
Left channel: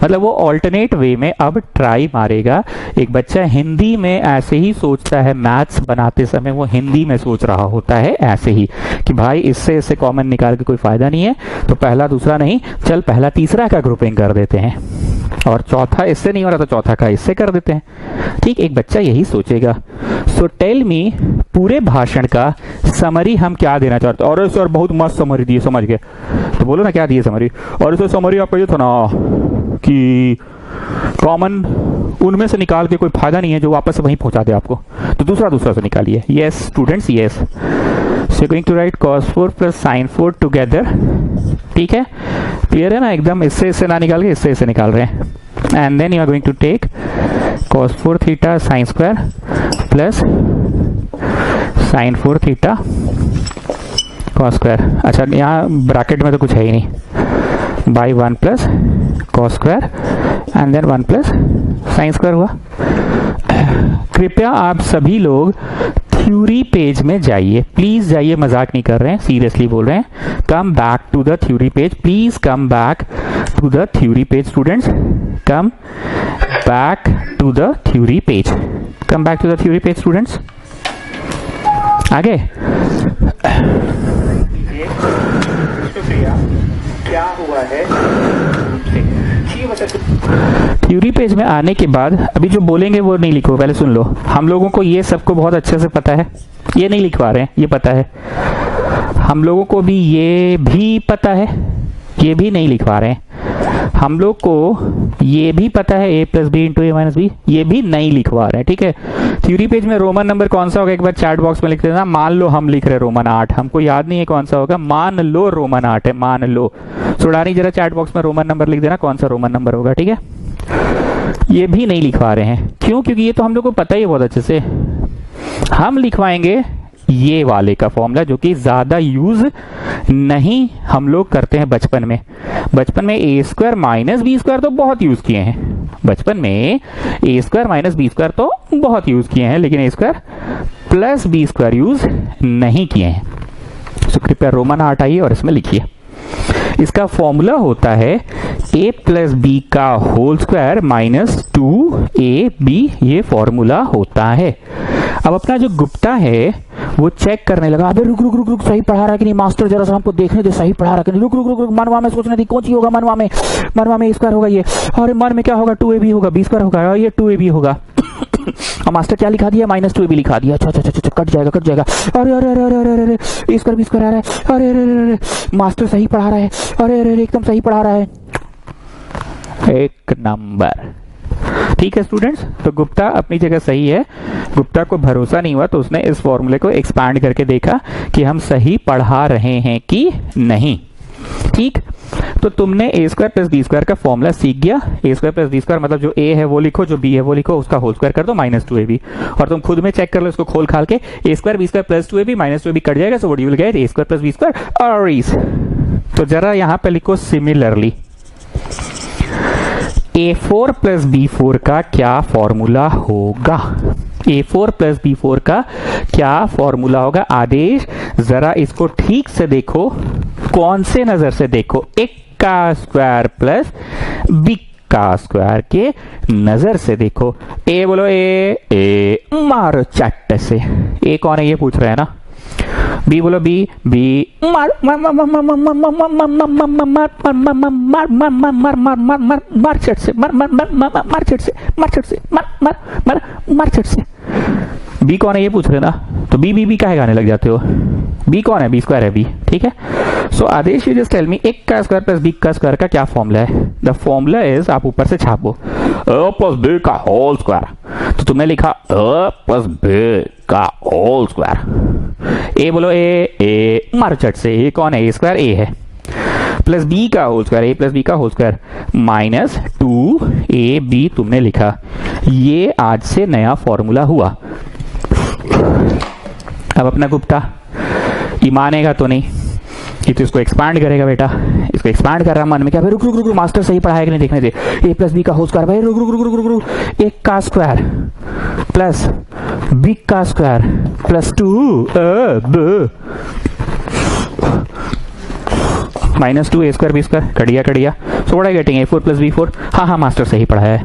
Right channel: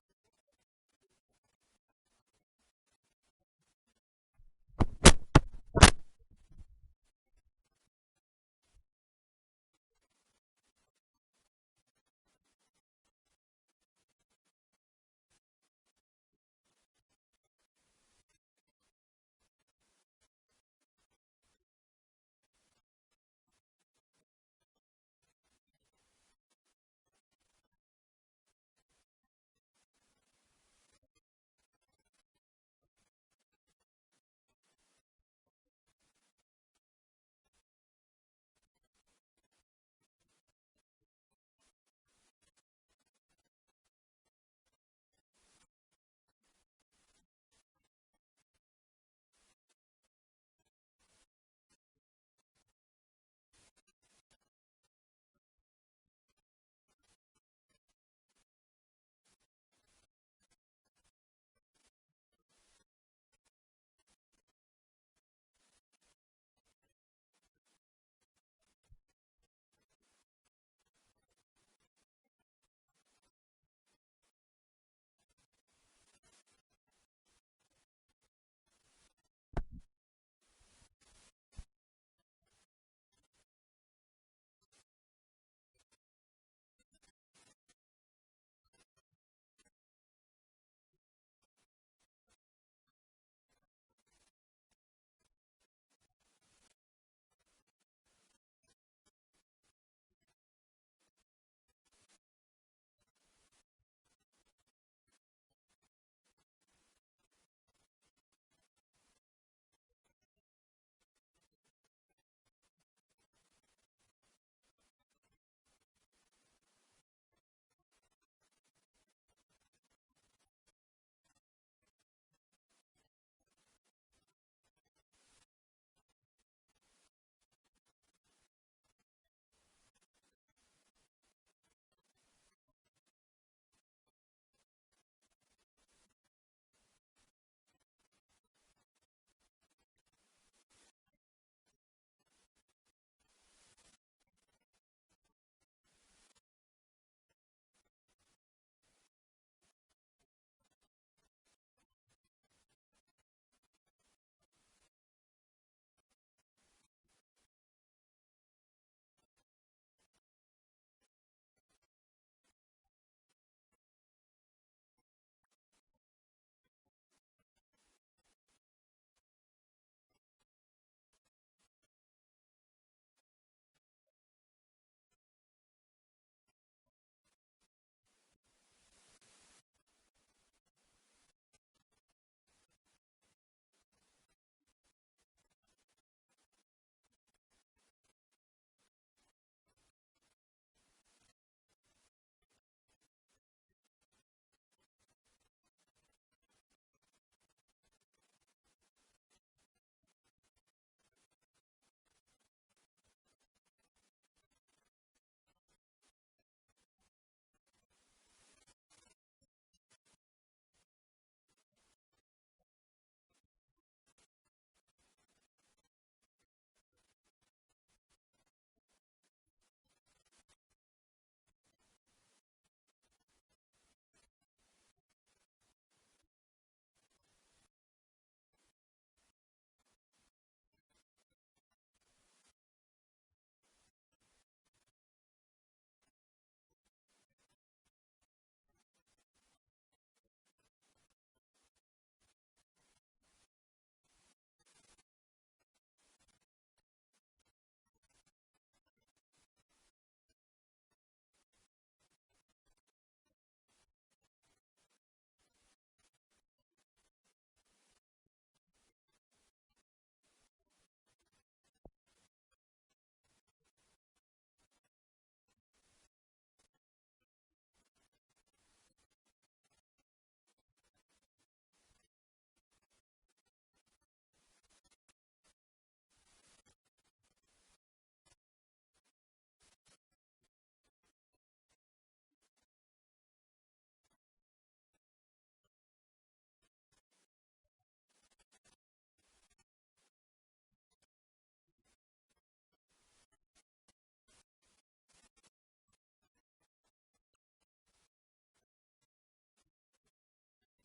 मतलब वो ऑल्टरनेट वे में अब ट्राई मारेगा। एक बच्चा हिंदी में ऐसे ही सोचता है, मैथ्स बनाते समय वो हिंदी में सोच रहा होता है ऐसे ही कि भाई इससे इससे कॉमन निकाल के कोई फायदा नहीं है, तो पहला दूसरा नहीं, चल पहला तीसरा का ग्रुपिंग कर देते हैं, और चौथा इससे नहीं हो रहा तो चौथा का इससे कर देते हैं। ठीक, एक बच्चा यही सोचेगा। सो टेल मी, पूरे भाषण का समरी हम क्या देना चाहते हैं? और सर बहुत मस्त समरी दिए, समझ गए तो बोलो ना क्या दिए समरी। और सर समरी आपका ये था ना कि कॉमन उनमें से निकाल के कोई फायदा नहीं है, जो वापस वहीं पहुंचा दे आपको, तो दूसरा से निकालिए। Yes students, yes, so going to write cos 4 plus sin 4 together. ठीक है, क्लियर है ना एकदम, इससे ना निकाल के इससे निकाल रहे हैं। And then you are going to take cos 4 theta sine square plus sin 4 theta cos square. अच्छा यहाँ ब्रैकेट में तो कुछ है ही नहीं, by 1 plus cos square and then 1 plus sine square हुआ। कृपया आप सभी लोग थ्योरी पेज में जाइए, प्लीज जाइए, मजाक नहीं कर रहे हैं, सीरियसली बोल रहे हैं। Come back to the theory page, please come back to the theory page students, come back to the theory page, come back to the theory page students. आगे क्या हुआ है, थ्योरी पेज में आने के बाद अभी जो बोलेंगे वो नहीं लिखो, पहले सुन लो। हम लोगों को ये सबको बहुत अच्छे से पता है, ये नहीं लिखवा रहे हैं, ये पता है हम लोगों को भी, ये भी पता है, ये भी नहीं लिखवा रहे हैं हम लोग को, ये भी पता है a plus B into A minus B, ये भी नहीं लिखवा रहे हैं। ठीक है, थ्योरी पेज में रोमन नंबर कौन सा होगा एक बार चैट बॉक्स में लिख देना। मान लो हम लिख रहे रोमन 8, हमको याद नहीं है कौन सा होगा, मान लो रोमन 8 है, मान लो। सुडानी जरा चैट बॉक्स में रोमन नंबर लिख देना, कौन सा रोमन नंबर होगा। ठीक है, ये भी नहीं लिखवा रहे हैं, क्यों? क्योंकि ये तो हम लोग को पता ही है बहुत अच्छे से। हम लिखवाएंगे ये वाले का फॉर्मूला, जो कि ज्यादा यूज नहीं हम लोग करते हैं बचपन में। बचपन में A square minus B square तो बहुत यूज किए हैं, बचपन में A square minus B square तो बहुत यूज किए हैं, लेकिन A square plus B square use नहीं किए हैं। तो कृपया रोमन 8 आइए और इसमें लिखिए। इसका फॉर्मूला होता है a प्लस बी का होल स्क्वायर माइनस 2ab, ये फॉर्मूला होता है। अब अपना जो गुप्ता है वो चेक करने लगा, अबे रुक रुक रुक रुक, सही पढ़ा रहा है कि नहीं मास्टर, जरा सा हमको देखने दे सही पढ़ा रहा है कि नहीं, रुक रुक रुक रुक, मनवा में सोचने दी कौन सी होगा, मनवा में स्क्वायर होगा ये, और मन में क्या होगा 2ab होगा, b स्क्वायर होगा, और ये 2ab होगा। और मास्टर क्या लिखा दिया, -2ab लिखा दिया। अच्छा अच्छा अच्छा, कट जाएगा। अरे अरे अरे अरे अरे अरे, b स्क्वायर आ रहा है, अरे अरे अरे, मास्टर सही पढ़ा रहा है, अरे अरे एकदम सही पढ़ा रहा है, एक नंबर। ठीक है स्टूडेंट्स, तो गुप्ता अपनी जगह सही है। गुप्ता को भरोसा नहीं हुआ तो उसने इस फॉर्मूले को एक्सपैंड करके देखा कि हम सही पढ़ा रहे हैं कि नहीं। ठीक, तो तुमने a square plus B square का फॉर्मूला सीख गया। a square plus B square मतलब जो a है वो लिखो, जो b है वो लिखो, उसका होल स्क्वायर कर दो -2ab, और तुम खुद में चेक कर लो इसको खोल खाल के, a square B square plus 2ab -2ab cut जाएगा, so what you will get a square plus B square और इज। तो जरा यहाँ पे लिखो सिमिलरली a4 प्लस b4 का क्या फॉर्मूला होगा, a4 प्लस b4 का क्या फॉर्मूला होगा। आदेश जरा इसको ठीक से देखो, कौन से नजर से देखो, एक का स्क्वायर प्लस b का स्क्वायर के नजर से देखो। ए बोलो, ए मारो चट्ट से, ए कौन है ये पूछ रहे हैं ना, बी बोलो, बी मार मार मार मार मार मार मार मार मार चट से, मार चट से। बी कौन है ये पूछ रहे ना, तो बी काहे गाने लग जाते हो, बी कौन है, बी स्क्वायर है बी। ठीक है, सो आदेश यू जस्ट टेल मी एक का स्क्वायर प्लस बी का स्क्वायर का क्या फॉर्मूला है। द फॉर्मूला इज, आप ऊपर से छापो, a प्लस बी का होल स्क्वायर, तो तुमने लिखा a प्लस बी का होल स्क्वायर। ए बोलो, ए मारो चट से, ए कौन है, ए स्क्वायर ए है, प्लस बी का whole square, A plus B का होल स्क्वायर -2ab तुमने लिखा। ये आज से नया फॉर्मूला हुआ। अब अपना गुप्ता ये मानेगा तो नहीं, ये तो इसको एक्सपांड करेगा बेटा, इसको एक्सपांड कर रहा मन में, क्या भाई रुक रुक रुक, मास्टर सही पढ़ाया कि नहीं देखने दे, a प्लस बी का होल स्क्वायर, भाई रुक रुक रुक रुक रुक रुक, एक का स्क्वायर प्लस बी का square plus 2ab -2 a square B square, कटिया। So what I getting, a4 plus b4। हाँ मास्टर सही पढ़ाया है।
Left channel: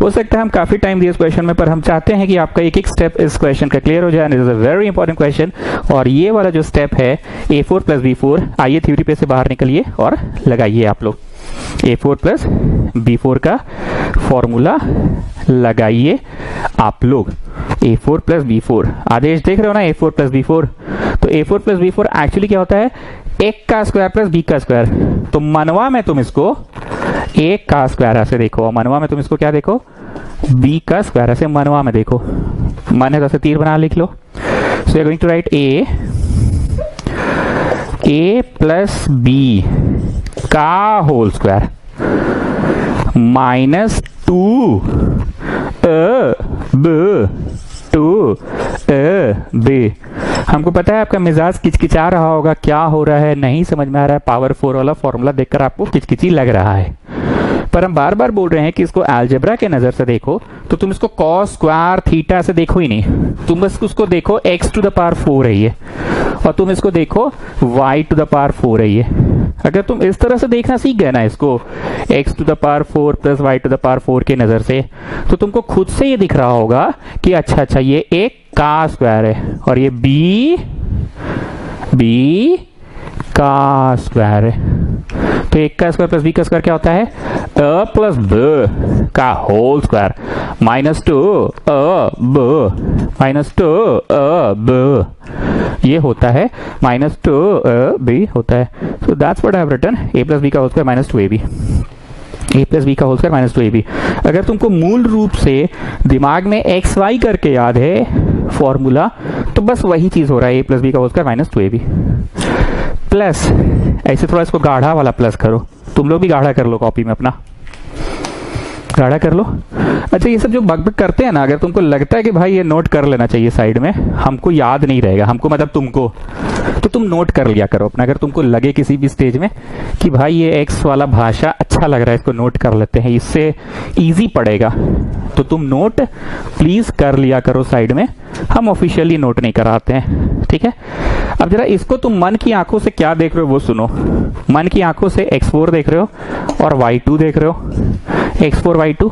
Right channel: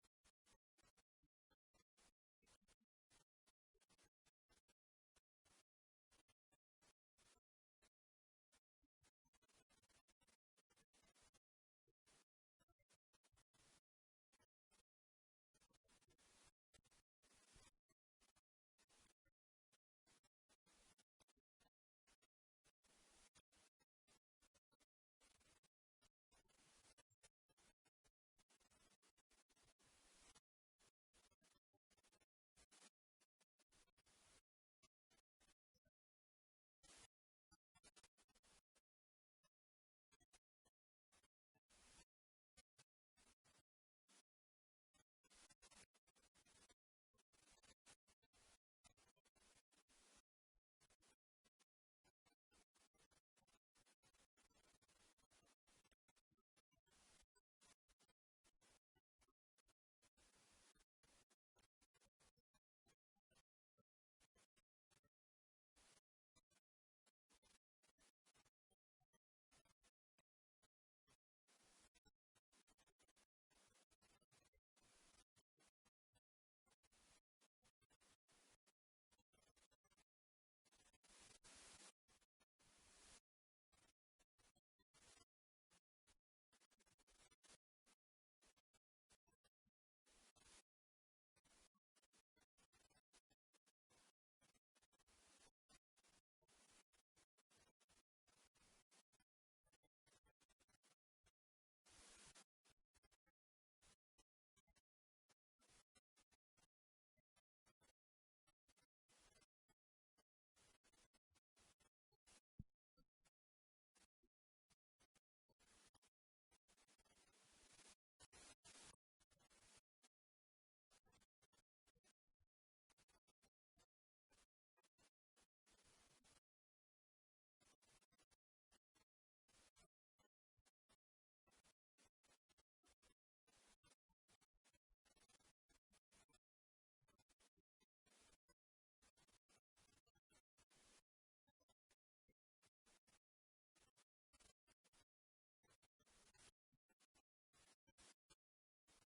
हो सकता है हम काफी टाइम दिए इस क्वेश्चन में, पर हम चाहते हैं कि आपका एक एक स्टेप इस क्वेश्चन का क्लियर हो जाए। It is a very important question, और ये वाला जो स्टेप है a4 प्लस b4, आइए थ्योरी पे से बाहर निकलिए और लगाइए आप लोग। a4 प्लस b4 का फॉर्मूला लगाइए आप लोग। a4 प्लस b4 आदेश देख रहे हो ना, a4 प्लस b4, तो a4 प्लस b4 एक्चुअली क्या होता है, एक का स्क्वायर प्लस बी का स्क्वायर। तो मनवा में तुम इसको एक का स्क्वायर ऐसे देखो, और मनवा में तुम इसको क्या देखो, बी का स्क्वायर ऐसे मनवा में देखो। मन है तो ऐसे तीर बना लिख लो। So you are going to write A plus B का होल स्क्वायर -2 b। हमको पता है आपका मिजाज किचकिचा रहा होगा, क्या हो रहा है, नहीं समझ में आ रहा है, पावर 4 वाला फॉर्मूला देखकर आपको किचकिची लग रहा है, पर हम बार बार बोल रहे हैं कि इसको अलजेब्रा के नजर से देखो। तो तुम इसको कॉस स्क्वायर थीटा से देखो ही नहीं, तुम बस उसको देखो x टू द पावर 4 है ये, और तुम इसको देखो y टू द पावर 4 है ये। अगर तुम इस तरह से देखना सीख गए ना इसको, x to the power 4 plus y to the power 4 के नजर से, तो तुमको खुद से ये दिख रहा होगा कि अच्छा ये एक का स्क्वायर है, और ये b का स्क्वायर है। तो एक का स्क्वायर प्लस बी का स्क्वायर क्या होता है, a प्लस b का होल स्क्वायर -2ab ये होता है, -2ab होता है। So that's what I have written, a plus B का whole square -2ab, a plus B का होल स्क्वायर -2ab। अगर तुमको मूल रूप से दिमाग में एक्स वाई करके याद है फॉर्मूला, तो बस वही चीज हो रहा है, a प्लस बी का होल स्क्वायर -2ab प्लस, ऐसे थोड़ा इसको गाढ़ा वाला प्लस करो, तुम लोग भी गाढ़ा कर लो, कॉपी में अपना गाढ़ा कर लो। अच्छा ये सब जो बग करते हैं ना, अगर तुमको लगता है कि भाई ये नोट कर लेना चाहिए साइड में, हमको याद नहीं रहेगा, हमको मतलब तुमको, तो तुम नोट कर लिया करो अपना। अगर तुमको लगे किसी भी स्टेज में कि भाई ये एक्स वाला भाषा अच्छा लग रहा है, इसको नोट कर लेते हैं, इससे इजी पड़ेगा, तो तुम नोट प्लीज कर लिया करो साइड में, हम ऑफिशियली नोट नहीं कराते हैं, ठीक है। अब जरा इसको तुम मन की आंखों से क्या देख रहे हो वो सुनो। मन की आंखों से x4 देख रहे हो और y2 देख रहे हो, x4 y2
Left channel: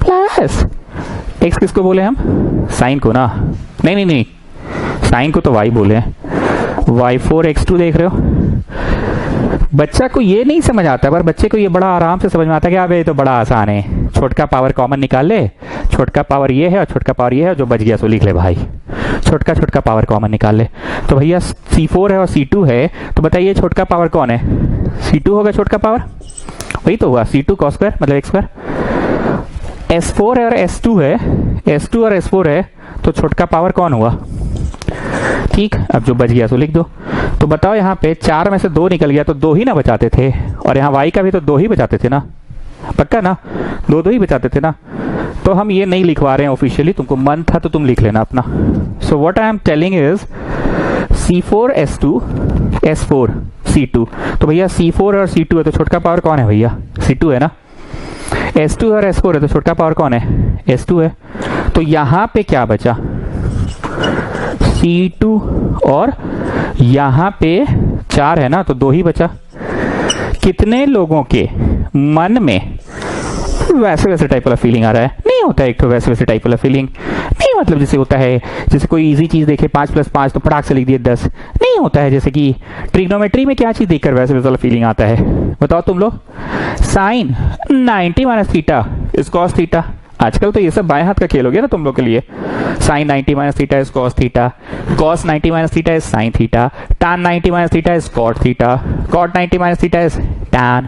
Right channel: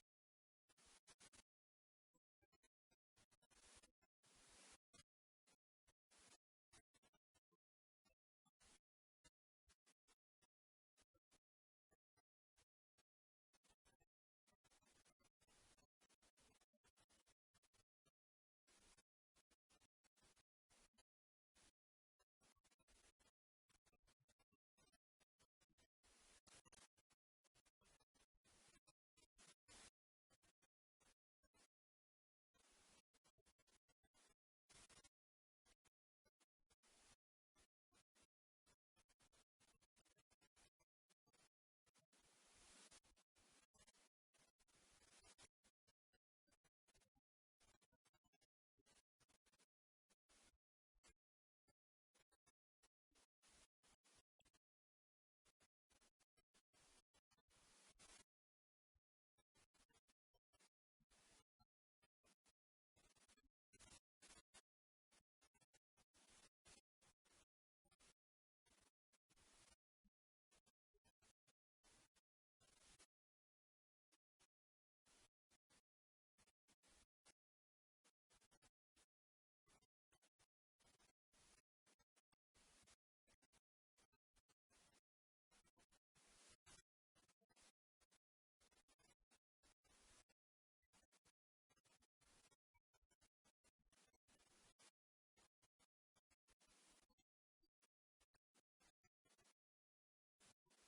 प्लस x किसको बोले हम, साइन को ना, नहीं साइन को तो y बोले हैं, y4x2 देख रहे हो। बच्चा को ये नहीं समझ आता, पर बच्चे को ये बड़ा आराम से समझ में आता है कि अब ये तो बड़ा आसान है, छोटका पावर कॉमन निकाल ले, छोटका पावर ये है और छोटका पावर ये है, जो बच गया सो लिख ले भाई, छोटका छोटका पावर कॉमन निकाल ले। तो भैया C4 है और C2 है, तो बताइए छोटका पावर कौन है? C2 होगा छोटका पावर, वही तो हुआ C2 cos स्क्वायर मतलब x स्क्वायर। S4 है और S2 है, S2 और S4 है, तो छोटका पावर कौन हुआ? ठीक, अब जो बच गया सो लिख दो। तो बताओ यहाँ पे 4 में से 2 निकल गया तो 2 ही ना बचाते थे, और यहाँ y का भी तो 2 ही बचाते थे ना, पक्का ना, 2 ही बचाते थे ना। तो हम ये नहीं लिखवा रहे हैं ऑफिशियली, तुमको मन था तो तुम लिख लेना अपना। सो what I am telling is C4 S2 S4 C2। तो भैया C4 और C2 है तो छोटका पावर कौन है भैया? C2 है ना। S2 और S4 है तो छोटका पावर कौन है? S2 है। तो यहाँ पे क्या बचा? C2 और यहाँ पे 4 है ना, तो 2 ही बचा। कितने लोगों के मन में वैसे वैसे टाइप वाला फीलिंग आ रहा है? नहीं होता है एक तो वैसे वैसे टाइप वाला फीलिंग, नहीं मतलब जैसे होता है, जैसे कोई इजी चीज देखे 5 + 5 तो फटाक से लिख दिए 10, नहीं होता है। जैसे कि ट्रिग्नोमेट्री में क्या चीज देखकर वैसे वैसे वाला फीलिंग आता है, बताओ तुम लोग? Sine 90 - theta is cos theta. आजकल तो ये सब बाएं हाथ का खेल हो गया ना तुम लोग के लिए। Sine 90 - theta is cos theta, cos 90 - theta is sine theta, tan 90 - theta is cot theta, cot 90 - theta is tan,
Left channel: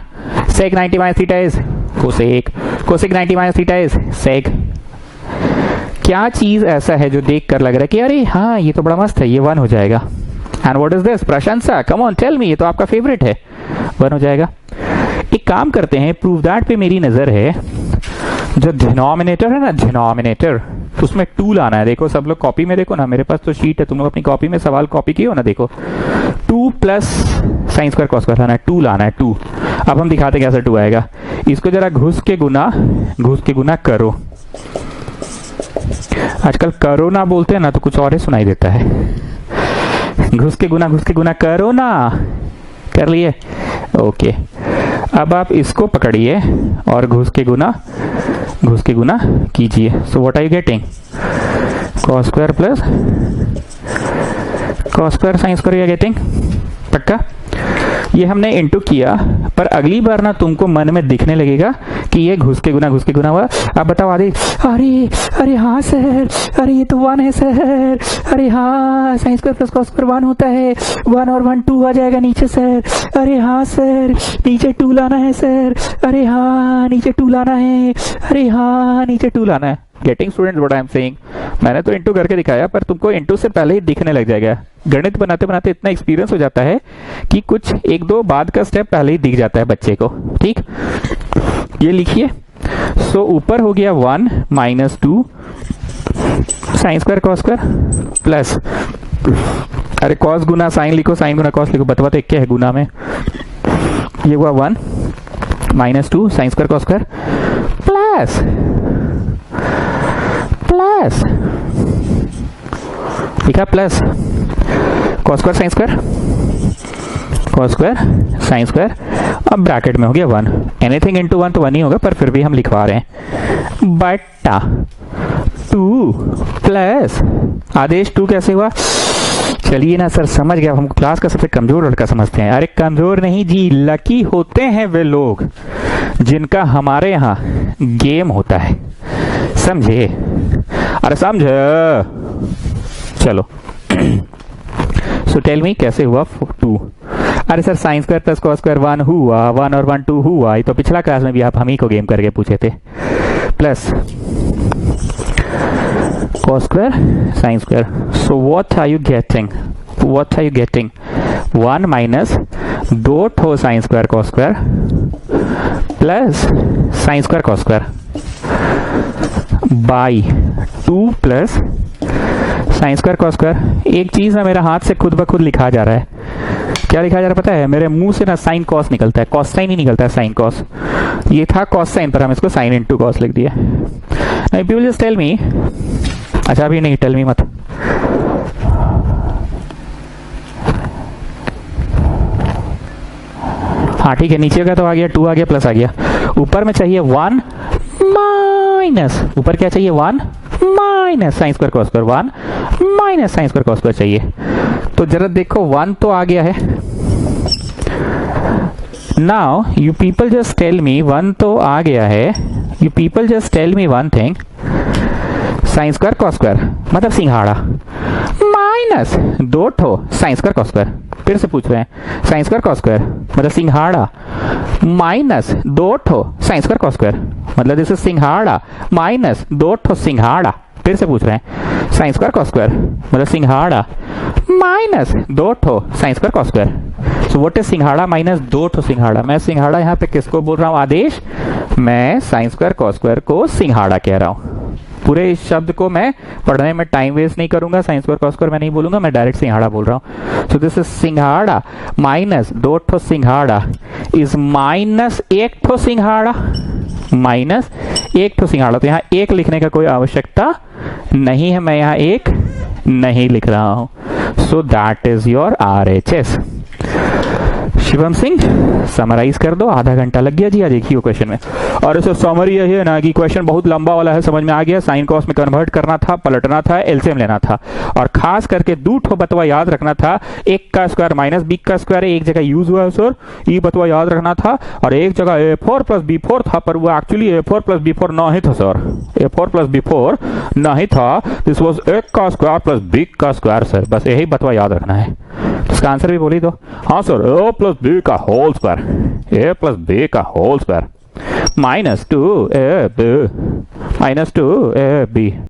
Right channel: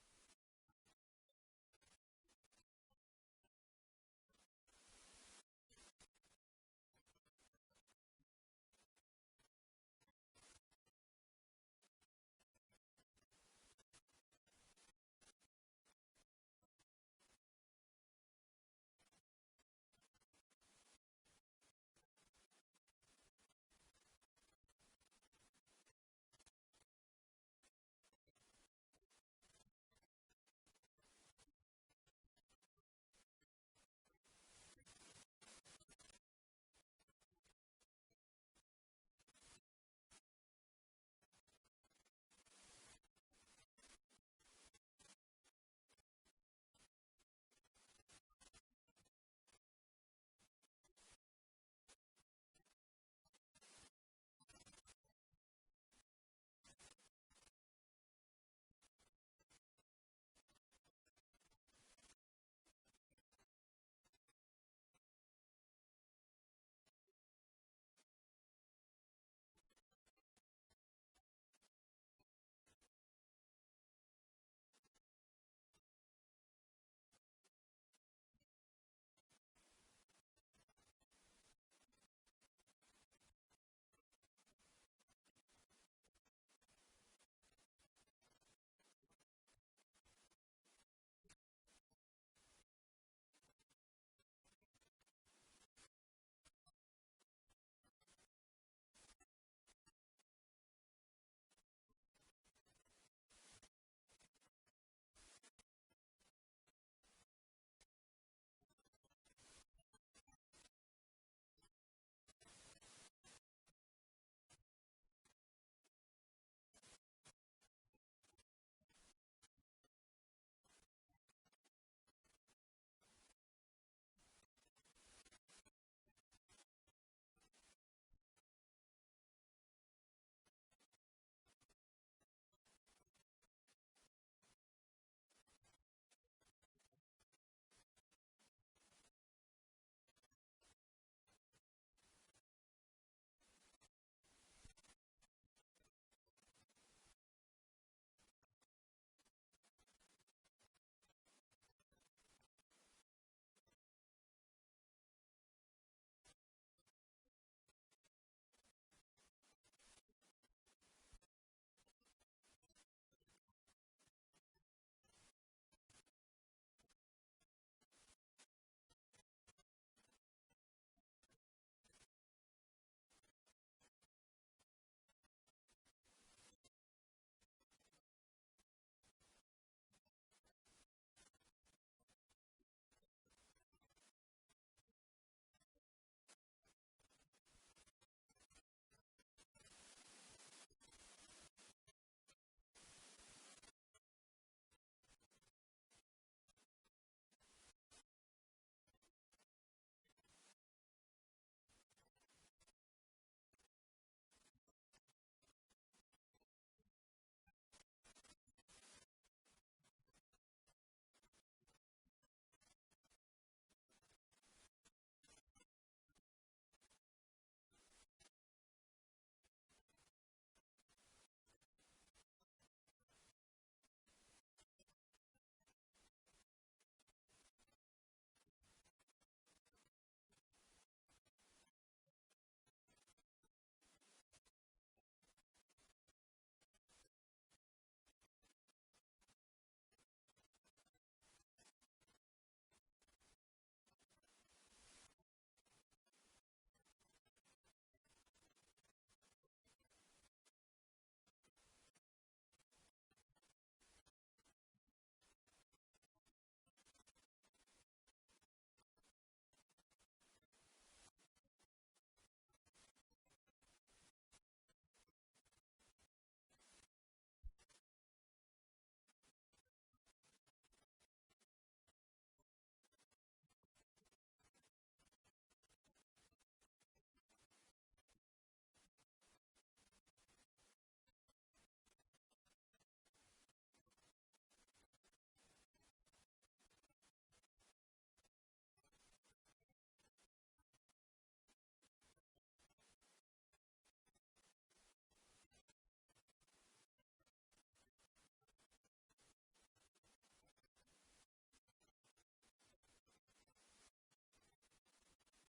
sec 90 - theta is cosec, cosec 90 - theta is sec. क्या चीज ऐसा है जो देख कर लग रहा है कि अरे हाँ ये तो बड़ा मस्त है, ये 1 हो जाएगा? And what is this? प्रशंसा, कम ऑन टेल मी, ये तो आपका फेवरेट है, 1 हो जाएगा। एक काम करते हैं, प्रूव दैट पे मेरी नजर है। जो डिनोमिनेटर है ना, डिनोमिनेटर, उसमें 2 लाना है। देखो सब लोग कॉपी में देखो ना, मेरे पास तो शीट है, तुम लोग अपनी कॉपी में सवाल कॉपी किए हो ना, देखो 2 + साइन स्क्वायर कॉस स्क्वायर लाना है, 2 लाना है 2। अब हम दिखाते कैसे 2 आएगा। इसको जरा घुस के गुना करो। आजकल करो ना बोलते हैं ना तो कुछ और ही सुनाई देता है। घुस के गुना करो ना, कर लिए? ओके, अब आप इसको पकड़िए और घुस के गुना कीजिए। So what are you getting? cos square plus cos square sine square you getting, पक्का? ये हमने इनटू किया, पर अगली बार ना तुमको मन में दिखने लगेगा कि ये घुस के गुना हुआ। अब बताओ आदि, अरे हाँ सर, अरे ये तो 1 है सर, अरे हाँ sign square plus cos square 1 होता है, 1 और 1 2 आ जाएगा नीचे सर, अरे हाँ सर नीचे 2 लाना है सर, अरे हाँ नीचे 2 लाना है, अरे हाँ नीचे 2 लाना है। Getting students what I am saying? मैंने तो इंटू करके दिखाया, पर तुमको इंटू से पहले ही दिखने लग जाएगा। गणित बनाते बनाते इतना एक्सपीरियंस हो जाता है कि कुछ 1-2 बाद का स्टेप पहले ही दिख जाता है बच्चे को। ठीक, ये लिखिए। सो ऊपर हो गया 1 - 2 sine square cos square plus, अरे कॉस गुना साइन लिखो, साइन गुना कॉस लिखो, बतवा तो एक क्या है गुना में। ये हुआ 1 - 2 sine square cos square plus लिखा plus cos square sine square, cos square sine square, अब ब्रैकेट में हो गया 1। एनीथिंग इनटू 1 तो 1 ही होगा, पर फिर भी हम लिखवा रहे हैं बटा 2 प्लस आदेश 2 कैसे हुआ? चलिए ना सर समझ गया, हम क्लास का सबसे कमजोर लड़का समझते हैं। अरे कमजोर नहीं जी, लकी होते हैं वे लोग जिनका हमारे यहाँ गेम होता है, समझे? अरे समझे? चलो सो टेल मी कैसे हुआ 2? अरे sir sign square plus cos square 1 हुआ, 1 और 1 2 हुआ। ये तो पिछला क्लास में भी आप हम ही को गेम करके पूछे थे। Plus cos square sin square. So what are you getting? 1 minus 2 ठो sin square cos square plus sin square cos square by 2 plus sin square cos square। एक चीज ना मेरा हाथ से खुद ब खुद लिखा जा रहा है। क्या लिखा जा रहा है पता है? मेरे मुंह से ना साइन कॉस निकलता है, कॉस साइन ही निकलता है, साइन कॉस। ये था कॉस साइन, पर हम इसको साइन इनटू कॉस लिख दिया। पीपल जस्ट टेल मी, अच्छा अभी नहीं, टेल मी मत। हाँ ठीक है, नीचे का तो आ गया 2 आ गया प्लस आ गया, ऊपर में चाहिए 1 माइनस, ऊपर क्या चाहिए 1 minus sine square cos square 1 minus sine square cos square चाहिए। तो जरा देखो 1 तो आ गया है। Now you people just tell me, 1 तो आ गया है, you people just tell me one thing, sine square cos square मतलब सिंघाड़ा माइनस 2 ठो साइन स्क्वायर कॉस स्क्वायर। फिर से पूछ रहे हैं साइन स्क्वायर कॉस स्क्वायर मतलब सिंघाड़ा माइनस 2 ठो साइन स्क्वायर कॉस स्क्वायर मतलब दिस इज सिंघाड़ा माइनस 2 ठो सिंघाड़ा। फिर से पूछ रहे हैं साइन स्क्वायर कॉस स्क्वायर मतलब सिंघाड़ा माइनस 2 ठो sign square cos square. So what is सिंघाड़ा माइनस 2 ठो सिंघाड़ा। मैं सिंघाड़ा यहाँ पे किसको बोल रहा हूँ आदेश, मैं साइन स्क्वायर कॉस स्क्वायर को सिंघाड़ा कह रहा हूँ। पूरे इस शब्द को मैं पढ़ने में टाइम वेस्ट नहीं करूंगा, साइन स्क्वायर कॉस स्क्वायर मैं नहीं बोलूंगा, मैं डायरेक्ट सिंघाड़ा बोल रहा हूँ। सो दिस इज सिंघाड़ा माइनस 2 ठो सिंघाड़ा इज माइनस 1 ठो सिंघाड़ा, माइनस 1 ठो सिंघाड़ा। तो यहाँ 1 लिखने का कोई आवश्यकता नहीं है, मैं यहाँ 1 नहीं लिख रहा हूँ। So that is your RHS। Shivam Singh summarise कर दो, आधा घंटा लग गया जी आज एक ही क्वेश्चन में। और सर समरी यही है ना कि क्वेश्चन बहुत लंबा वाला है, समझ में आ गया। साइन कॉस में कन्वर्ट करना था, पलटना था, एलसीएम लेना था और खास करके 2 ठो बतवा याद रखना था। एक का स्क्वायर माइनस बी का स्क्वायर है, एक जगह यूज हुआ है सर, ये बतवा याद रखना था। और एक जगह A4 प्लस B4 था पर वो एक्चुअली A4 प्लस B4 नहीं था सर, A4 प्लस B4 नहीं था, दिस वाज A का स्क्वायर प्लस B का स्क्वायर सर। बस यही बतवा याद रखना है। तो इसका आंसर भी बोली दो। हाँ सर, A प्लस B का whole square, A plus B का whole square minus 2AB, minus 2AB।